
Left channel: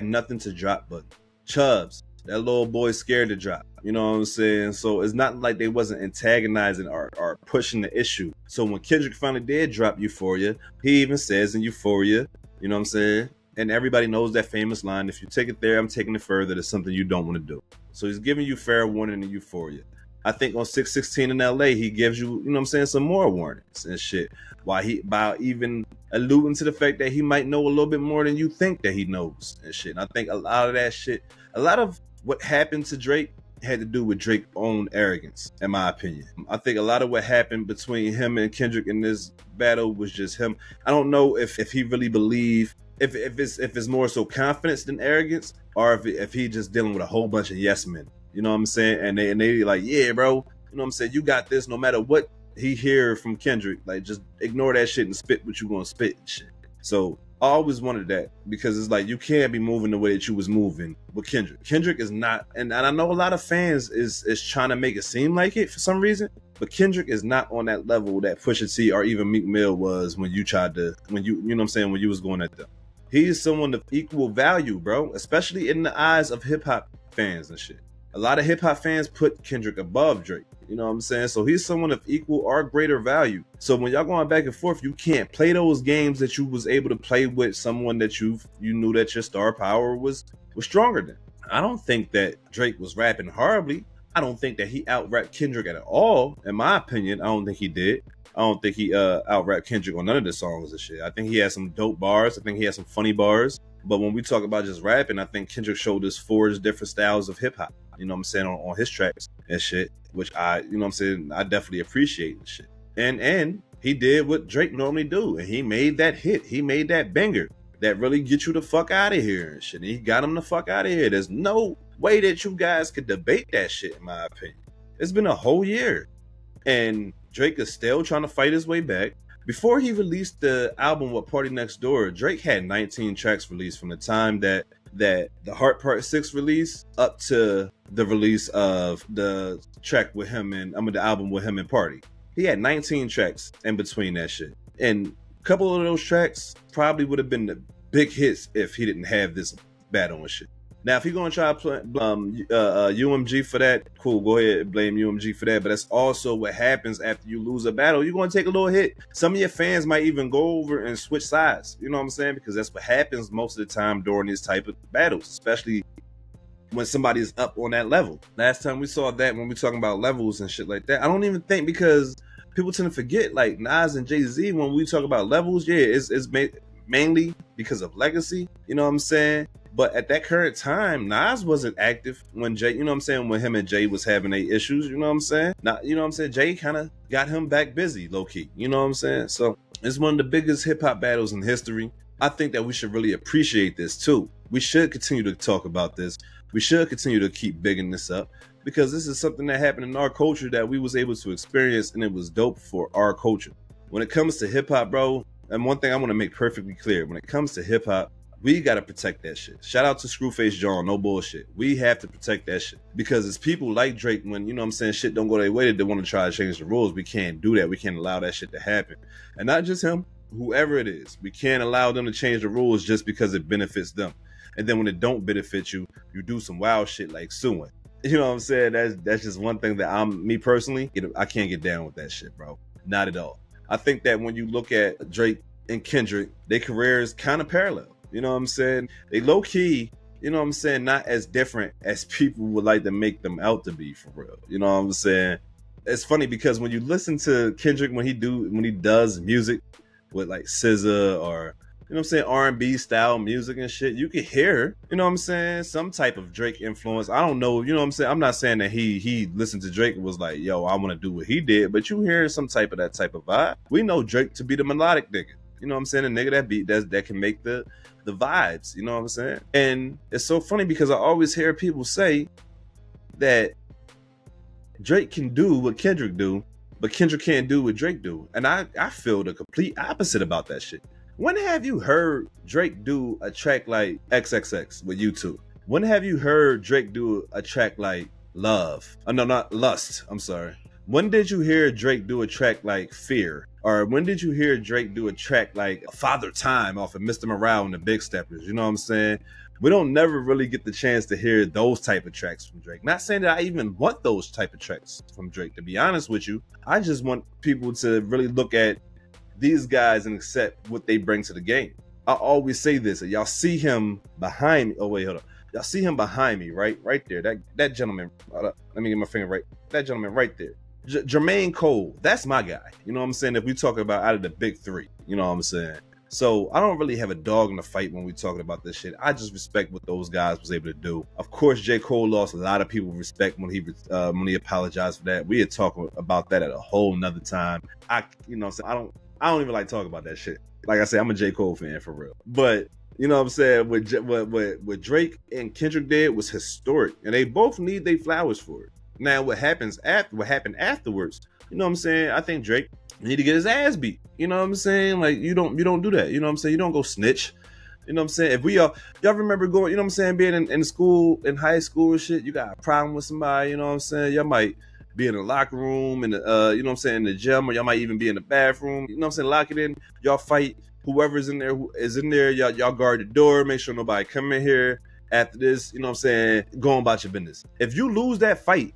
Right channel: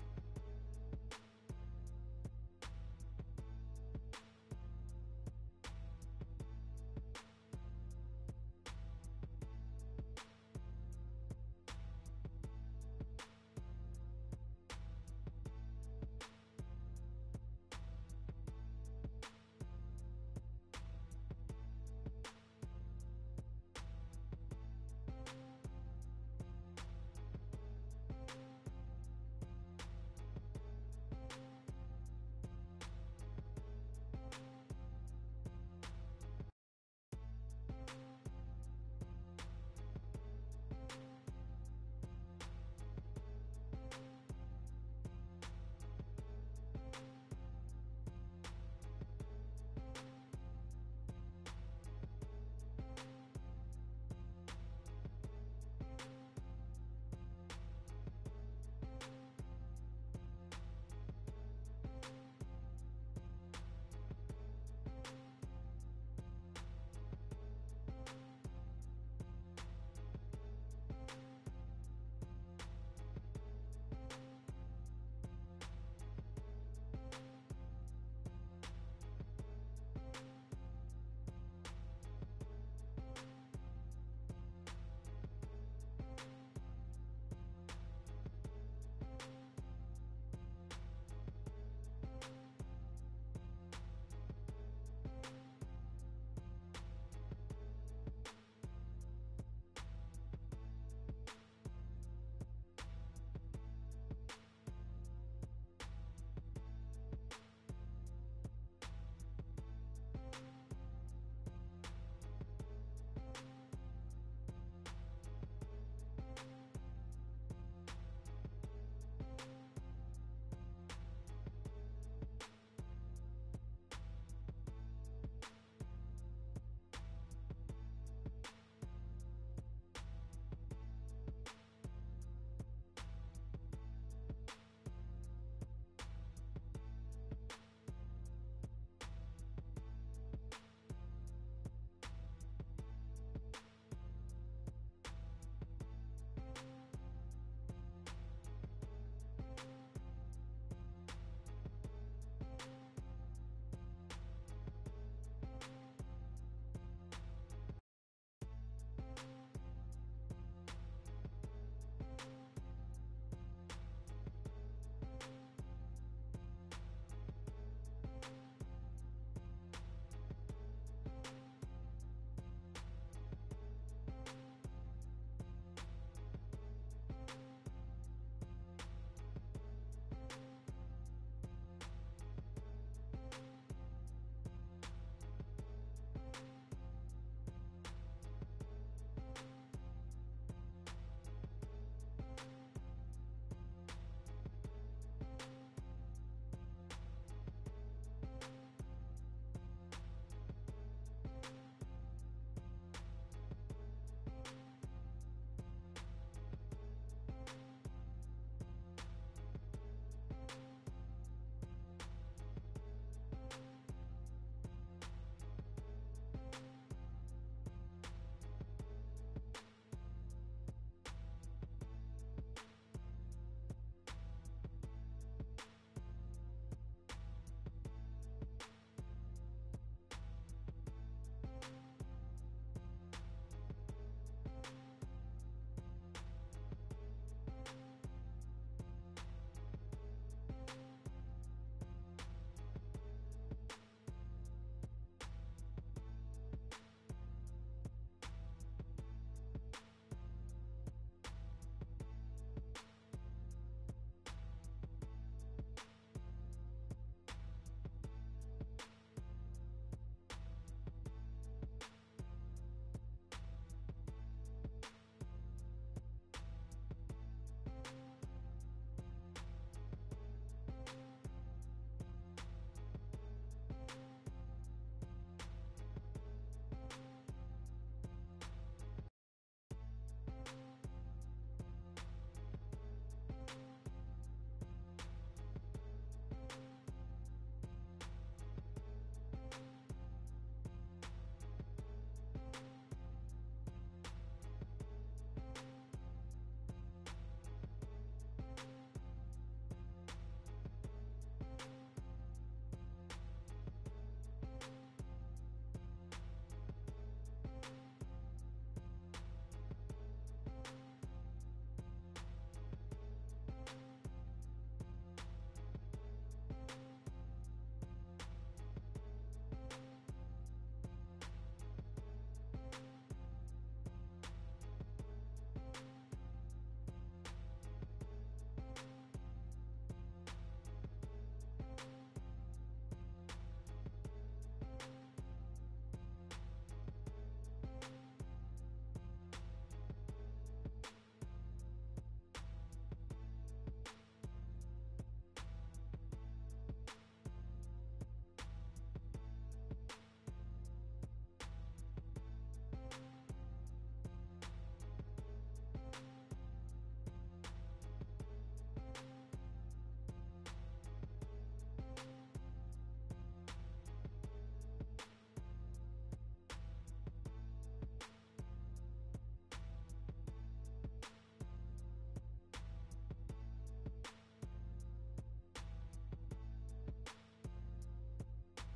nothing to drop but Chubbs. That little boy scared to drop. You know what I'm saying? So it's not like they wasn't antagonizing or pushing the issue. So when Kendrick finally did drop Euphoria, he even says in Euphoria, you know what I'm saying? And everybody knows that famous line, if you take it there, I'm taking it further. That's something you don't want to do. So he's giving you fair warning in Euphoria. I think on 616 in LA, he gives you, you know what I'm saying, some more warnings and shit. By even alluding to the fact that he might know a little bit more than you think that he knows and shit. And I think a lot of that shit, a lot of what happened to Drake had to do with Drake's own arrogance, in my opinion. I think a lot of what happened between him and Kendrick in this battle was just him. I don't know if he really believed, if it's more so confidence than arrogance, or if he just dealing with a whole bunch of yes men. You know what I'm saying? And they like, yeah, bro, you know what I'm saying? You got this no matter what he hear from Kendrick. Like, just ignore that shit and spit what you gonna spit and shit. So I always wanted that, because it's like you can't be moving the way that you was moving with Kendrick. Kendrick is not, and I know a lot of fans is trying to make it seem like it for some reason, but Kendrick is not on that level that Pusha T or even Meek Mill was when you know what I'm saying, when you was going at them. He is someone of equal value, bro, especially in the eyes of hip hop fans and shit. A lot of hip hop fans put Kendrick above Drake. You know what I'm saying? So he's someone of equal or greater value. So when y'all going back and forth, you can't play those games that you was able to play with someone that you knew that your star power was stronger than. I don't think that Drake was rapping horribly. I don't think that he out-rapped Kendrick at all. In my opinion, I don't think he did. I don't think he out-rapped Kendrick on none of the songs and shit. I think he had some dope bars. I think he had some funny bars. But when we talk about just rapping, I think Kendrick showed us 4 different styles of hip hop, you know what I'm saying, on his tracks and shit, which I definitely appreciate and shit. And he did what Drake normally do, and he made that hit. He made that banger that really get you the fuck out of here and shit. And he got him the fuck out of here. There's no way that you guys could debate that shit, in my opinion. It's been a whole year, and Drake is still trying to fight his way back. Before he released the album with Party Next Door, Drake had 19 tracks released from the time that the Heart Part 6 release up to the release of the track with him and the album with him and Party. He had 19 tracks in between that shit. And a couple of those tracks probably would have been the big hits if he didn't have this battle and shit. Now, if you're going to try to play UMG for that, cool, go ahead and blame UMG for that. But that's also what happens after you lose a battle. You're going to take a little hit. Some of your fans might even go over and switch sides. You know what I'm saying? Because that's what happens most of the time during these type of battles, especially when somebody's up on that level. Last time we saw that when we talking about levels and shit like that. I don't even think, because people tend to forget, like Nas and Jay-Z, when we talk about levels, yeah, it's mainly because of legacy. You know what I'm saying? But at that current time, Nas wasn't active when Jay, you know what I'm saying, when him and Jay was having their issues, you know what I'm saying? Not, you know what I'm saying? Jay kind of got him back busy, low-key, you know what I'm saying? So it's one of the biggest hip-hop battles in history. I think that we should really appreciate this too. We should continue to talk about this. We should continue to keep bigging this up, because this is something that happened in our culture that we was able to experience, and it was dope for our culture. When it comes to hip-hop, bro, and one thing I want to make perfectly clear, when it comes to hip-hop, we got to protect that shit. Shout out to Screwface John, no bullshit. We have to protect that shit. Because it's people like Drake, when, you know what I'm saying, shit don't go their way, they want to try to change the rules. We can't do that. We can't allow that shit to happen. And not just him, whoever it is. We can't allow them to change the rules just because it benefits them. And then when it don't benefit you, you do some wild shit like suing. You know what I'm saying? That's just one thing that me personally, I can't get down with that shit, bro. Not at all. I think that when you look at Drake and Kendrick, their careers kind of parallel. You know what I'm saying? They low key, you know what I'm saying, not as different as people would like to make them out to be, for real. You know what I'm saying? It's funny because when you listen to Kendrick when he does music with like SZA or you know what I'm saying, R&B style music and shit, you can hear, you know what I'm saying, some type of Drake influence. I don't know, you know what I'm saying? I'm not saying that he listened to Drake and was like, yo, I want to do what he did, but you hear some type of that type of vibe. We know Drake to be the melodic nigga. You know what I'm saying? A nigga that beat that can make the vibes, you know what I'm saying? And it's so funny because I always hear people say that Drake can do what Kendrick do, but Kendrick can't do what Drake do. And I feel the complete opposite about that shit. When have you heard Drake do a track like XXX with U2? When have you heard Drake do a track like Love? Oh, no, not Lust. I'm sorry. When did you hear Drake do a track like Fear? Or when did you hear Drake do a track like Father Time off of Mr. Morale and the Big Steppers? You know what I'm saying? We don't never really get the chance to hear those type of tracks from Drake. Not saying that I even want those type of tracks from Drake, to be honest with you. I just want people to really look at these guys and accept what they bring to the game. I always say this, y'all see him behind me. Oh wait, hold on. Y'all see him behind me, right there. That gentleman, let me get my finger right. That gentleman right there. Jermaine Cole, that's my guy. You know what I'm saying? If we talk about out of the big three, you know what I'm saying? So I don't really have a dog in the fight when we talking about this shit. I just respect what those guys was able to do. Of course, J. Cole lost a lot of people respect when he apologized for that. We had talked about that at a whole nother time. You know what I'm saying? I don't even like talking about that shit. Like I said, I'm a J. Cole fan for real. But you know what I'm saying? What Drake and Kendrick did was historic, and they both need their flowers for it. Now, what happened afterwards? You know what I'm saying? I think Drake need to get his ass beat. You know what I'm saying? Like you don't do that. You know what I'm saying? You don't go snitch. You know what I'm saying? If y'all remember going, you know what I'm saying, being in school, in high school and shit, you got a problem with somebody, you know what I'm saying? Y'all might be in the locker room, and you know what I'm saying, in the gym, or y'all might even be in the bathroom. You know what I'm saying? Lock it in. Y'all fight. Whoever's in there is in there. Y'all guard the door. Make sure nobody come in here after this. You know what I'm saying? Go on about your business. If you lose that fight,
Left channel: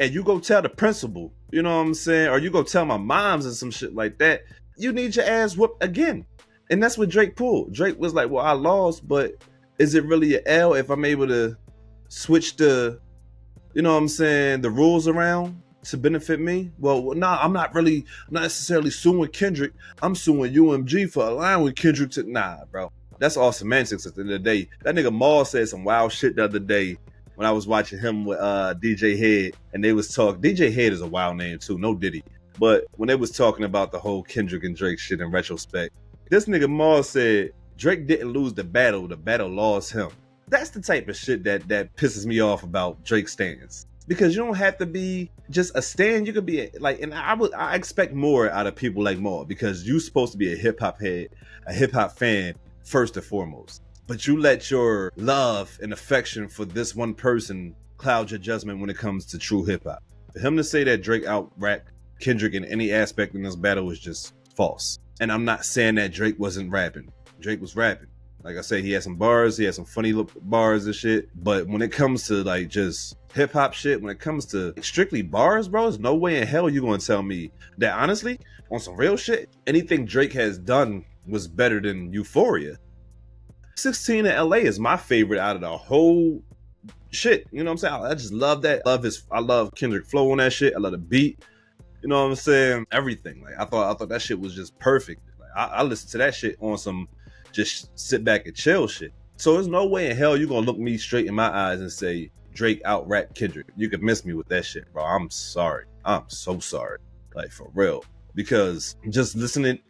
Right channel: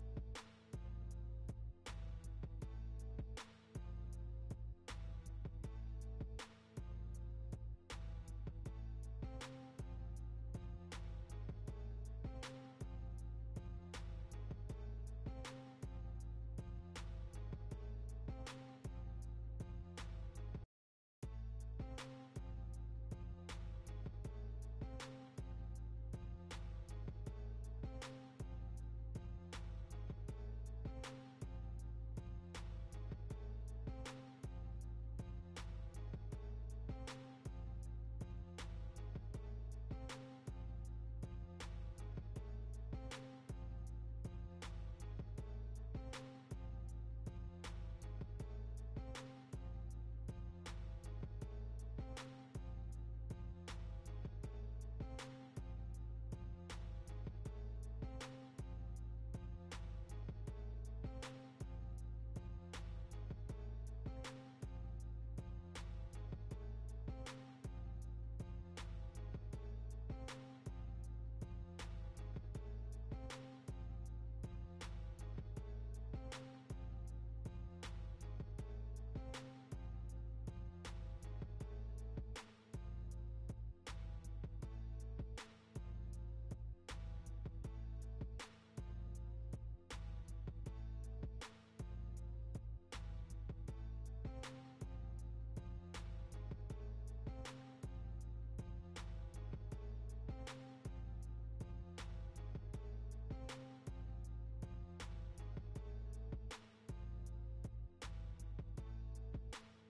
and you go tell the principal, you know what I'm saying, or you go tell my moms and some shit like that, you need your ass whooped again. And that's what Drake pulled. Drake was like, well, I lost, but is it really an L if I'm able to switch the, you know what I'm saying, the rules around to benefit me? Well, nah, I'm not necessarily suing Kendrick. I'm suing UMG for aligning with Kendrick to, nah, bro. That's all semantics at the end of the day. That nigga Maul said some wild shit the other day when I was watching him with DJ Head, and they was talking. DJ Head is a wild name too, no Diddy. But when they was talking about the whole Kendrick and Drake shit in retrospect, this nigga Maul said Drake didn't lose the battle lost him. That's the type of shit that pisses me off about Drake stans. Because you don't have to be just a stan, you could be like, and I expect more out of people like Maul, because you supposed to be a hip hop head, a hip hop fan first and foremost. But you let your love and affection for this one person cloud your judgment when it comes to true hip hop. For him to say that Drake out-rapped Kendrick in any aspect in this battle was just false. And I'm not saying that Drake wasn't rapping. Drake was rapping. Like I said, he had some bars, he had some funny bars and shit. But when it comes to like just hip hop shit, when it comes to strictly bars, bro, there's no way in hell you're gonna tell me that honestly, on some real shit, anything Drake has done was better than Euphoria. 16 in LA is my favorite out of the whole shit. You know what I'm saying? I just love that. I love Kendrick flow on that shit. I love the beat. You know what I'm saying? Everything. Like I thought that shit was just perfect. Like, I listened to that shit on some just sit back and chill shit. So there's no way in hell you're gonna look me straight in my eyes and say Drake out-rap Kendrick. You could miss me with that shit, bro. I'm sorry. I'm so sorry. Like for real. Because just listening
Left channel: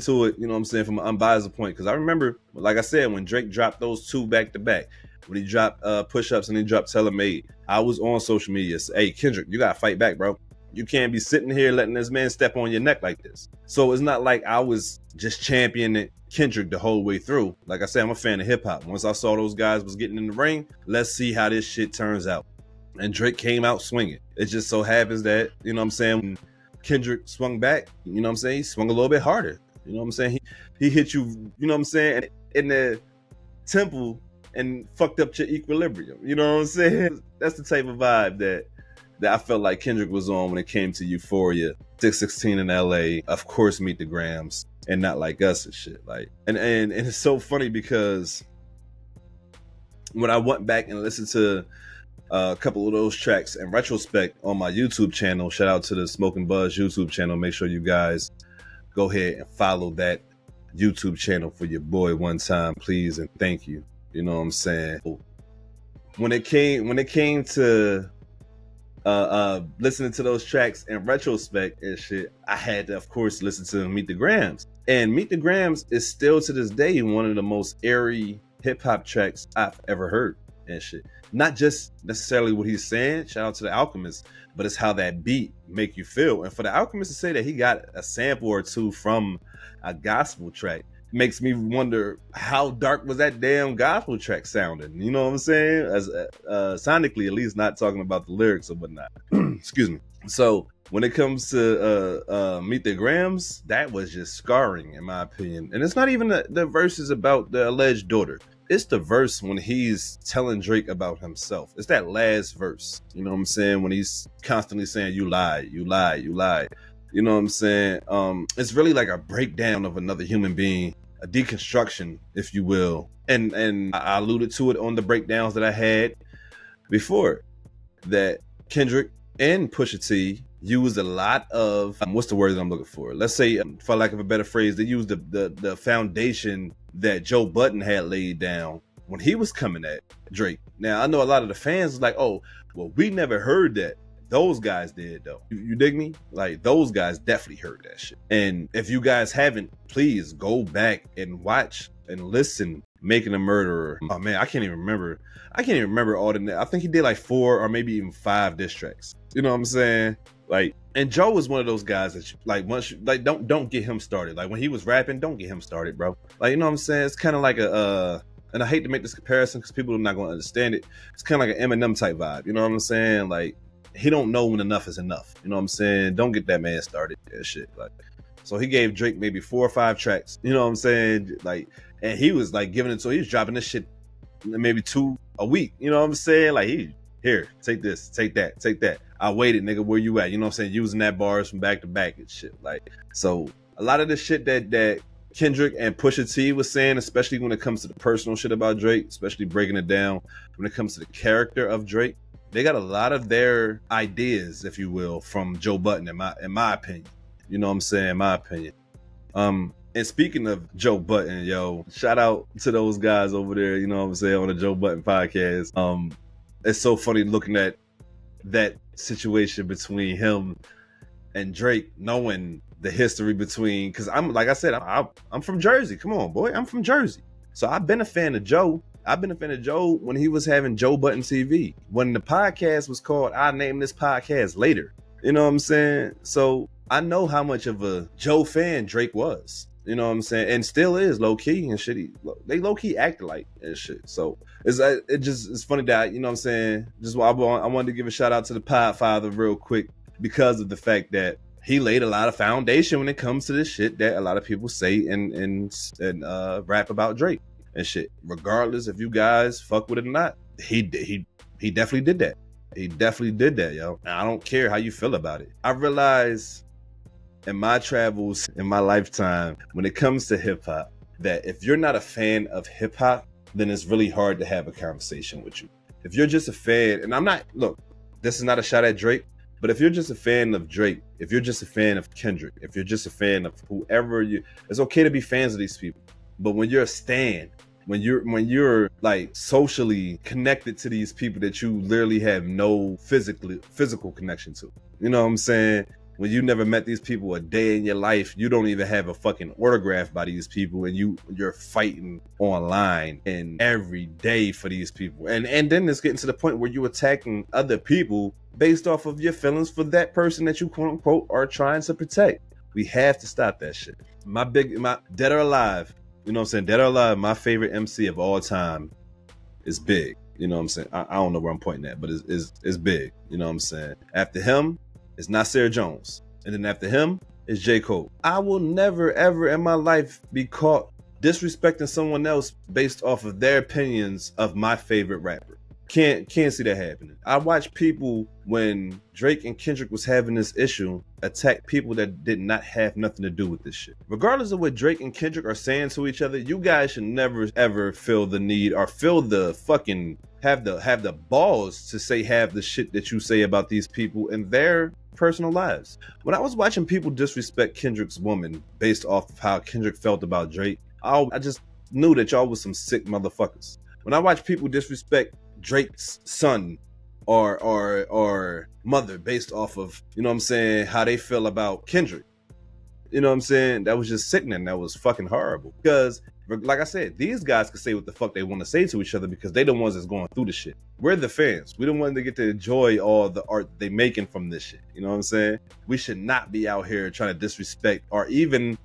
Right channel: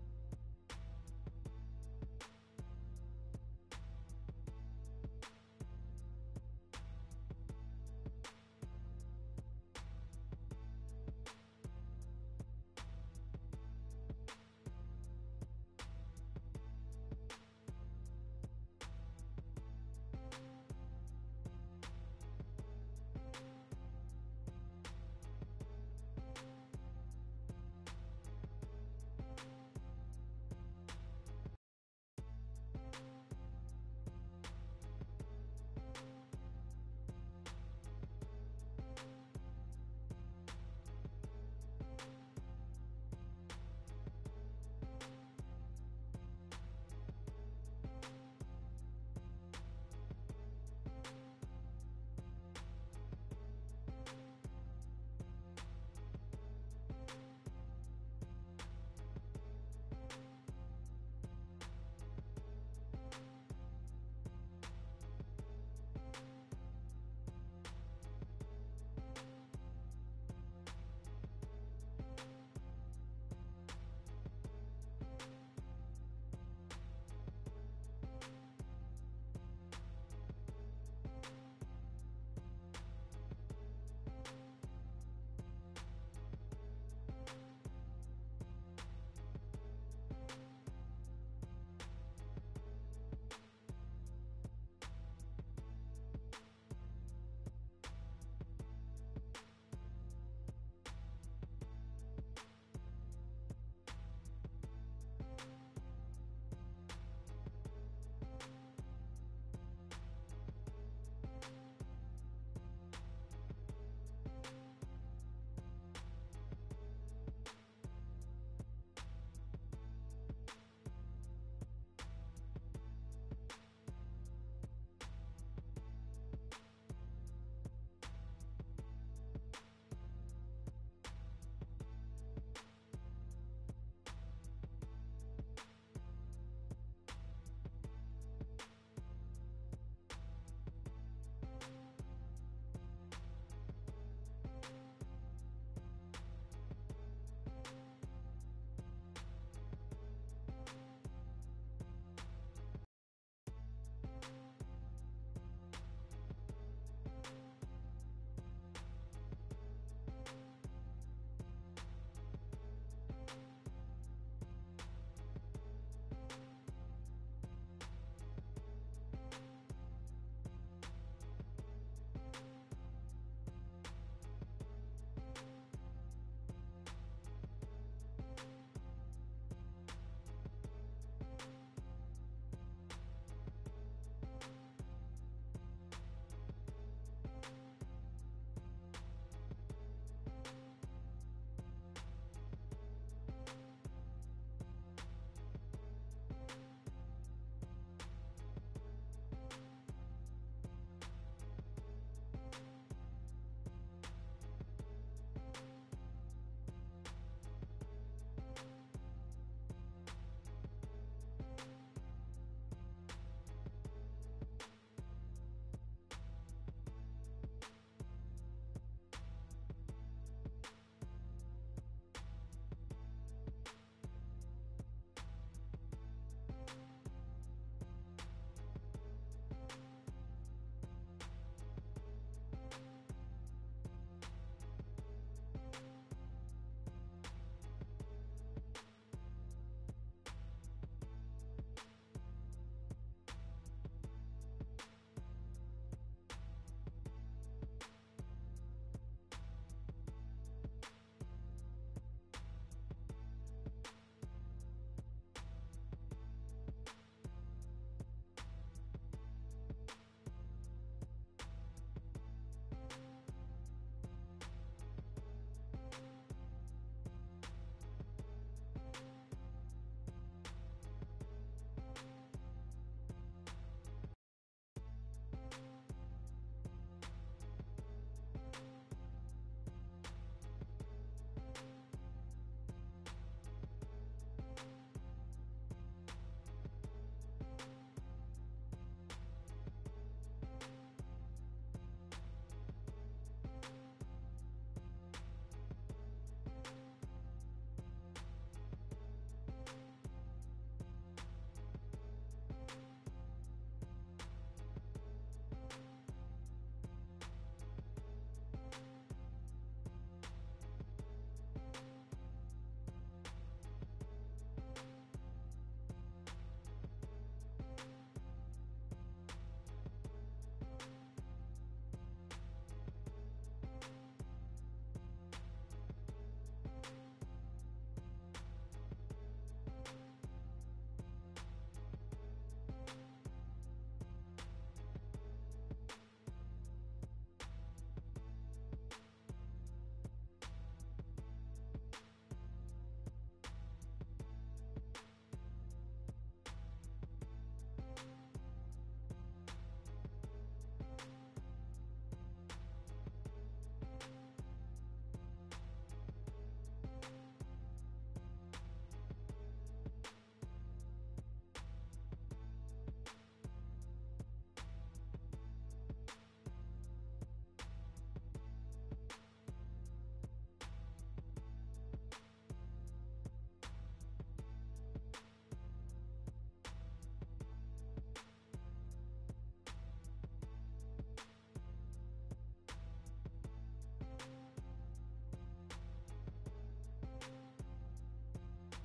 to it, you know what I'm saying, from an unbiased point. Because I remember, like I said, when Drake dropped those two back to back, when he dropped Push-Ups and he dropped Tell 'Em Made, I was on social media saying, hey, Kendrick, you gotta fight back, bro. You can't be sitting here letting this man step on your neck like this. So it's not like I was just championing Kendrick the whole way through. Like I said, I'm a fan of hip hop. Once I saw those guys was getting in the ring, let's see how this shit turns out. And Drake came out swinging. It just so happens that, you know what I'm saying, when Kendrick swung back, you know what I'm saying, he swung a little bit harder. You know what I'm saying? He hit you, you know what I'm saying, in the temple and fucked up your equilibrium. You know what I'm saying? That's the type of vibe that I felt like Kendrick was on when it came to Euphoria, 616 in LA, of course Meet the Grams, and Not Like Us and shit. Like, and it's so funny because when I went back and listened to a couple of those tracks in retrospect on my YouTube channel, shout out to the Smoke and Buzz YouTube channel. Make sure you guys go ahead and follow that YouTube channel for your boy one time, please, and thank you. You know what I'm saying? When it came to listening to those tracks in retrospect and shit, I had to, of course, listen to Meet the Grams. And Meet the Grams is still to this day one of the most airy hip-hop tracks I've ever heard and shit. Not just necessarily what he's saying, shout out to The Alchemist, but it's how that beat make you feel. And for The Alchemist to say that he got a sample or two from a gospel track makes me wonder how dark was that damn gospel track sounding. You know what I'm saying? As sonically, at least, not talking about the lyrics or whatnot. Excuse me. So when it comes to Meet the Grams, that was just scarring in my opinion. And it's not even the verses about the alleged daughter. It's the verse when he's telling Drake about himself. It's that last verse. You know what I'm saying? When he's constantly saying, you lied, you lied, you lied. You know what I'm saying? It's really like a breakdown of another human being, a deconstruction, if you will. And I alluded to it on the breakdowns that I had before, that Kendrick and Pusha T used a lot of, what's the word that I'm looking for? Let's say, for lack of a better phrase, they used the foundation that Joe Budden had laid down when he was coming at Drake. Now, I know a lot of the fans was like, oh, well, we never heard that. Those guys did, though. You dig me? Like, those guys definitely heard that shit. And if you guys haven't, please go back and watch and listen Making a Murderer. Oh, man, I can't even remember. All the... I think he did like 4 or maybe even 5 diss tracks. You know what I'm saying? Like, and Joe was one of those guys that, like, once you, like, don't get him started. Like, when he was rapping, don't get him started, bro. Like, you know what I'm saying? It's kind of like a, and I hate to make this comparison because people are not going to understand it. It's kind of like an Eminem type vibe. You know what I'm saying? Like, he don't know when enough is enough. You know what I'm saying? Don't get that man started and shit. Like, so he gave Drake maybe 4 or 5 tracks. You know what I'm saying? Like, and he was like giving it, so he was dropping this shit maybe 2 a week. You know what I'm saying? Like, here, take this, take that, take that. I waited, nigga, where you at? You know what I'm saying? Using that bars from back to back and shit. Like, so a lot of the shit that Kendrick and Pusha T was saying, especially when it comes to the personal shit about Drake, especially breaking it down when it comes to the character of Drake, they got a lot of their ideas, if you will, from Joe Budden, in my opinion. You know what I'm saying? In my opinion. And speaking of Joe Budden, yo, shout out to those guys over there, you know what I'm saying, on the Joe Budden podcast. It's so funny looking at that situation between him and Drake, knowing the history between, because I'm, like I said, I'm from Jersey. Come on, boy, I'm from Jersey. So I've been a fan of Joe. I've been a fan of Joe when he was having Joe Budden TV. When the podcast was called I Named This Podcast Later. You know what I'm saying? So I know how much of a Joe fan Drake was. You know what I'm saying? And still is low-key and shit. They low-key act like and shit. So it's funny that, you know what I'm saying? Just I wanted to give a shout out to the Podfather real quick because of the fact that he laid a lot of foundation when it comes to this shit that a lot of people say and rap about Drake and shit. Regardless if you guys fuck with it or not, he definitely did that. He definitely did that, yo. And I don't care how you feel about it. I realize in my travels, in my lifetime, when it comes to hip hop, that if you're not a fan of hip hop, then it's really hard to have a conversation with you. If you're just a fan, and I'm not, look, this is not a shot at Drake, but if you're just a fan of Drake, if you're just a fan of Kendrick, if you're just a fan of whoever it's okay to be fans of these people. But when you're a stan, when you're like socially connected to these people that you literally have no physical connection to, you know what I'm saying? When you never met these people a day in your life, you don't even have a fucking autograph by these people, and you're fighting online and every day for these people. And then it's getting to the point where you're attacking other people based off of your feelings for that person that you quote unquote are trying to protect. We have to stop that shit. My Dead or Alive, you know what I'm saying? Dead or Alive, my favorite MC of all time is Big. You know what I'm saying? I don't know where I'm pointing at, but it's Big. You know what I'm saying? After him, it's Nasir Jones. And then after him, it's J. Cole. I will never, ever in my life be caught disrespecting someone else based off of their opinions of my favorite rapper. Can't see that happening. I watch people, when Drake and Kendrick was having this issue, attack people that did not have nothing to do with this shit. Regardless of what Drake and Kendrick are saying to each other, you guys should never ever feel the need or feel the fucking have the balls to say half the shit that you say about these people in their personal lives. When I was watching people disrespect Kendrick's woman based off of how Kendrick felt about Drake, I just knew that y'all was some sick motherfuckers. When I watch people disrespect Drake's son or mother based off of, you know what I'm saying, how they feel about Kendrick, you know what I'm saying, that was just sickening. That was fucking horrible. Because, like I said, these guys can say what the fuck they want to say to each other because they the ones that's going through the shit. We're the fans. We the ones that get to enjoy all the art they making from this shit. You know what I'm saying? We should not be out here trying to disrespect or even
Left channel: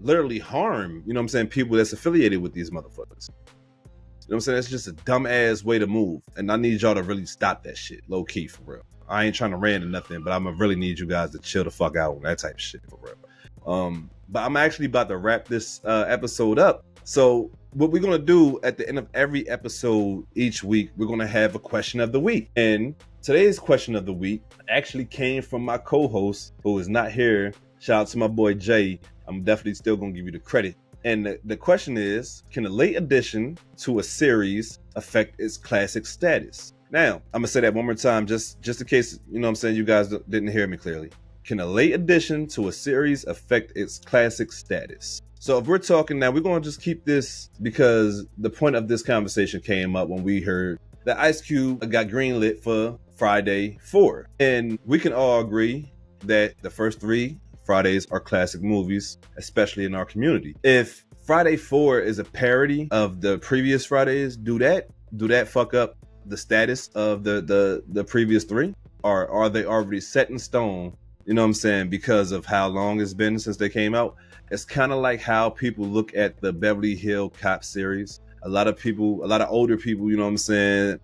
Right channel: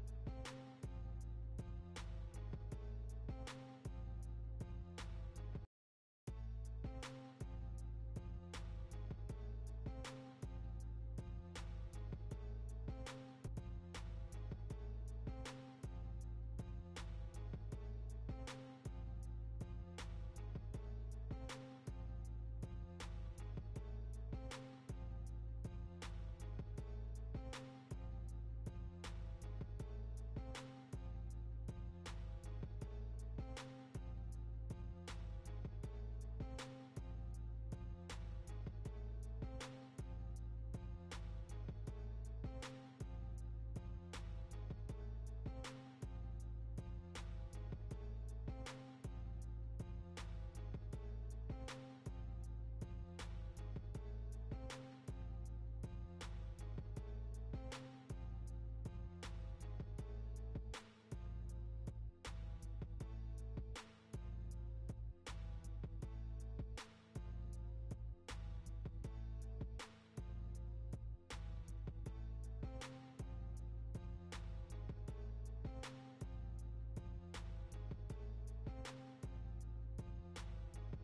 literally harm, you know what I'm saying, people that's affiliated with these motherfuckers. You know what I'm saying? That's just a dumbass way to move. And I need y'all to really stop that shit, low key, for real. I ain't trying to rant or nothing, but I'm gonna really need you guys to chill the fuck out on that type of shit, for real. But I'm actually about to wrap this episode up. So what we're gonna do at the end of every episode each week, we're gonna have a question of the week. And today's question of the week actually came from my co-host who is not here. Shout out to my boy Jay. I'm definitely still gonna give you the credit. And the question is, can a late addition to a series affect its classic status? Now, I'm gonna say that one more time, just in case, you know what I'm saying, you guys didn't hear me clearly. Can a late addition to a series affect its classic status? So if we're talking now, we're gonna just keep this because the point of this conversation came up when we heard that Ice Cube got greenlit for Friday 4. And we can all agree that the first 3 Fridays are classic movies, especially in our community. If Friday 4 is a parody of the previous Fridays, do that fuck up the status of the previous 3? Or are they already set in stone, you know what I'm saying, because of how long it's been since they came out? It's kind of like how people look at the Beverly Hills Cop series. A lot of older people, you know what I'm saying,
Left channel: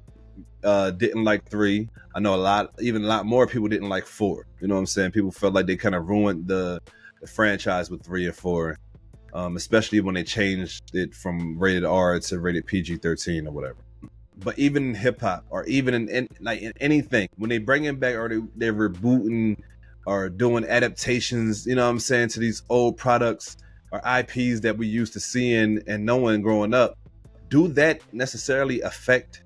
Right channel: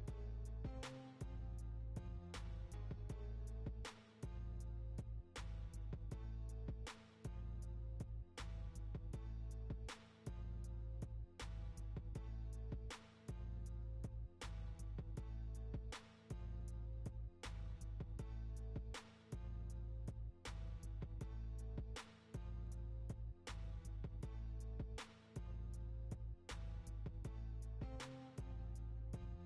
didn't like 3. I know a lot more people didn't like 4. You know what I'm saying? People felt like they kind of ruined the franchise with 3 and 4, especially when they changed it from rated R to rated PG-13 or whatever. But even in hip hop, or even in anything, when they bring it back, or they're rebooting or doing adaptations, you know what I'm saying, to these old products or IPs that we used to seeing and knowing growing up, do that necessarily affect,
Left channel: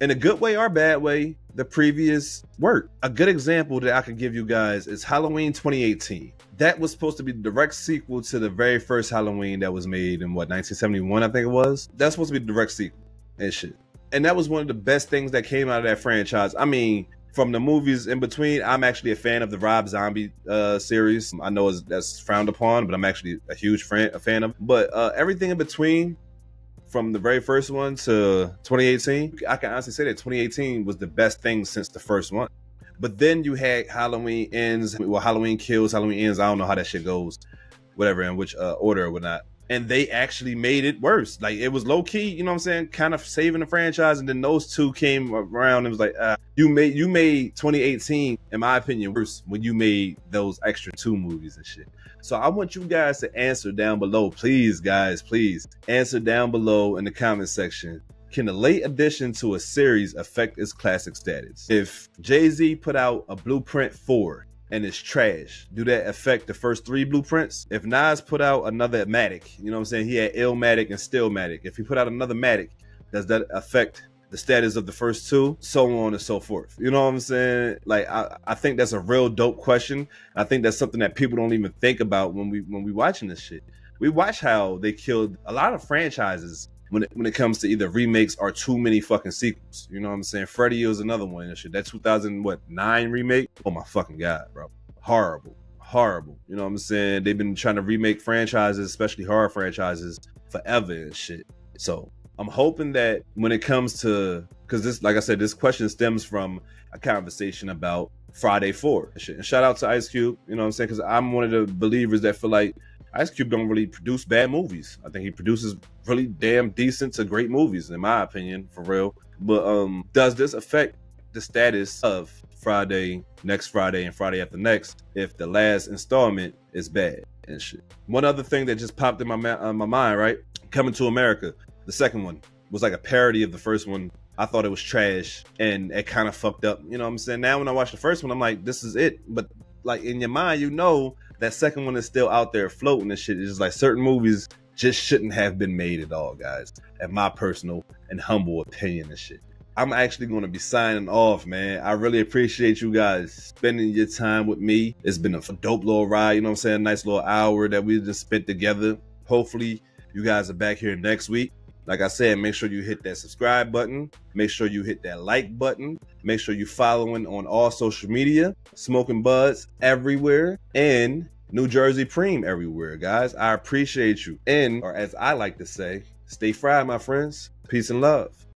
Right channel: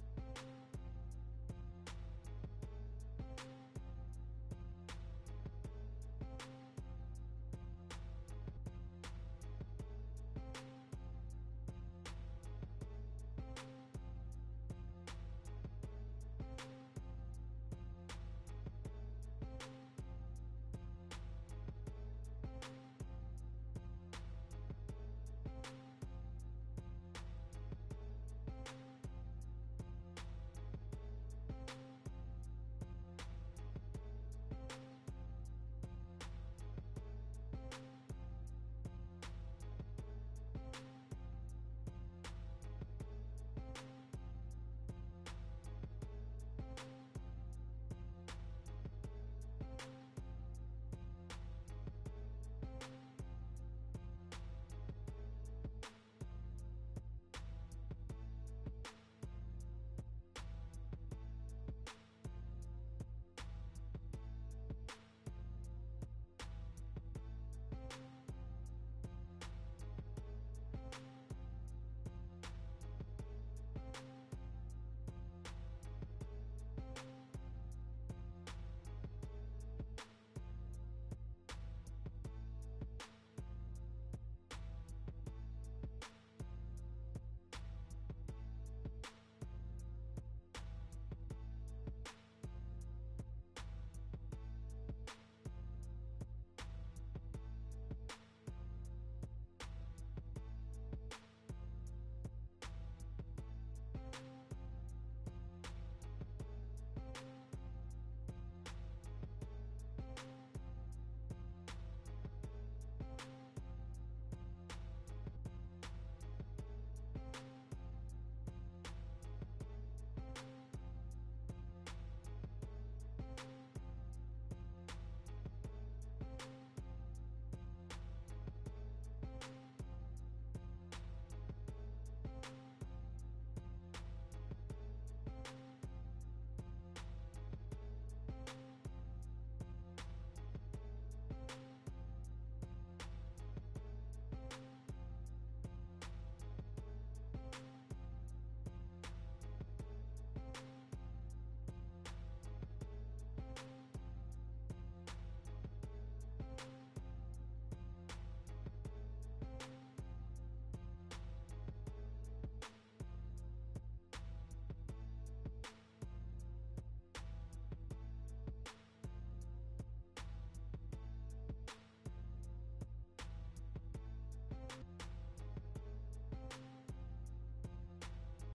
in a good way or bad way, the previous work? A good example that I could give you guys is Halloween 2018. That was supposed to be the direct sequel to the very first Halloween that was made in 1971, I think it was. That's supposed to be the direct sequel and shit. And that was one of the best things that came out of that franchise. I mean, from the movies in between, I'm actually a fan of the Rob Zombie series. I know that's frowned upon, but I'm actually a huge fan of. But everything in between, from the very first one to 2018, I can honestly say that 2018 was the best thing since the first one. But then you had Halloween Ends, well, Halloween Kills, Halloween Ends. I don't know how that shit goes, whatever, in which order or whatnot. And they actually made it worse. Like, it was low key, you know what I'm saying, kind of saving the franchise. And then those two came around and was like, you made 2018, in my opinion, worse when you made those extra 2 movies and shit. So I want you guys to answer down below. Please, guys, please answer down below in the comment section. Can a late addition to a series affect its classic status? If Jay-Z put out a Blueprint 4 and it's trash, do that affect the first 3 blueprints? If Nas put out another Matic, you know what I'm saying, he had Illmatic and Stillmatic. If he put out another Matic, does that affect the status of the first 2? So on and so forth. You know what I'm saying? Like, I think that's a real dope question. I think that's something that people don't even think about when we watching this shit. We watch how they killed a lot of franchises when it comes to either remakes or too many fucking sequels. You know what I'm saying? Freddy is another one and shit. That 2009 remake? Oh my fucking God, bro. Horrible. You know what I'm saying? They've been trying to remake franchises, especially horror franchises, forever and shit. So I'm hoping that when it comes to, because this, like I said, this question stems from a conversation about Friday 4 and shit. And shout out to Ice Cube, you know what I'm saying? Because I'm one of the believers that feel like Ice Cube don't really produce bad movies. I think he produces really damn decent to great movies, in my opinion, for real. But does this affect the status of Friday, next Friday, and Friday after next if the last installment is bad and shit? One other thing that just popped in my mind, right? Coming to America, the second one was like a parody of the first one. I thought it was trash and it kind of fucked up. You know what I'm saying? Now when I watch the first one, I'm like, this is it. But like in your mind, you know that second one is still out there floating and shit. It's just like certain movies just shouldn't have been made at all, guys. In my personal and humble opinion and shit. I'm actually going to be signing off, man. I really appreciate you guys spending your time with me. It's been a dope little ride, you know what I'm saying? Nice little hour that we just spent together. Hopefully, you guys are back here next week. Like I said, make sure you hit that subscribe button. Make sure you hit that like button. Make sure you're following on all social media. Smoking Buds everywhere. And New Jersey Preem everywhere, guys. I appreciate you. And, or as I like to say, stay fried, my friends. Peace and love.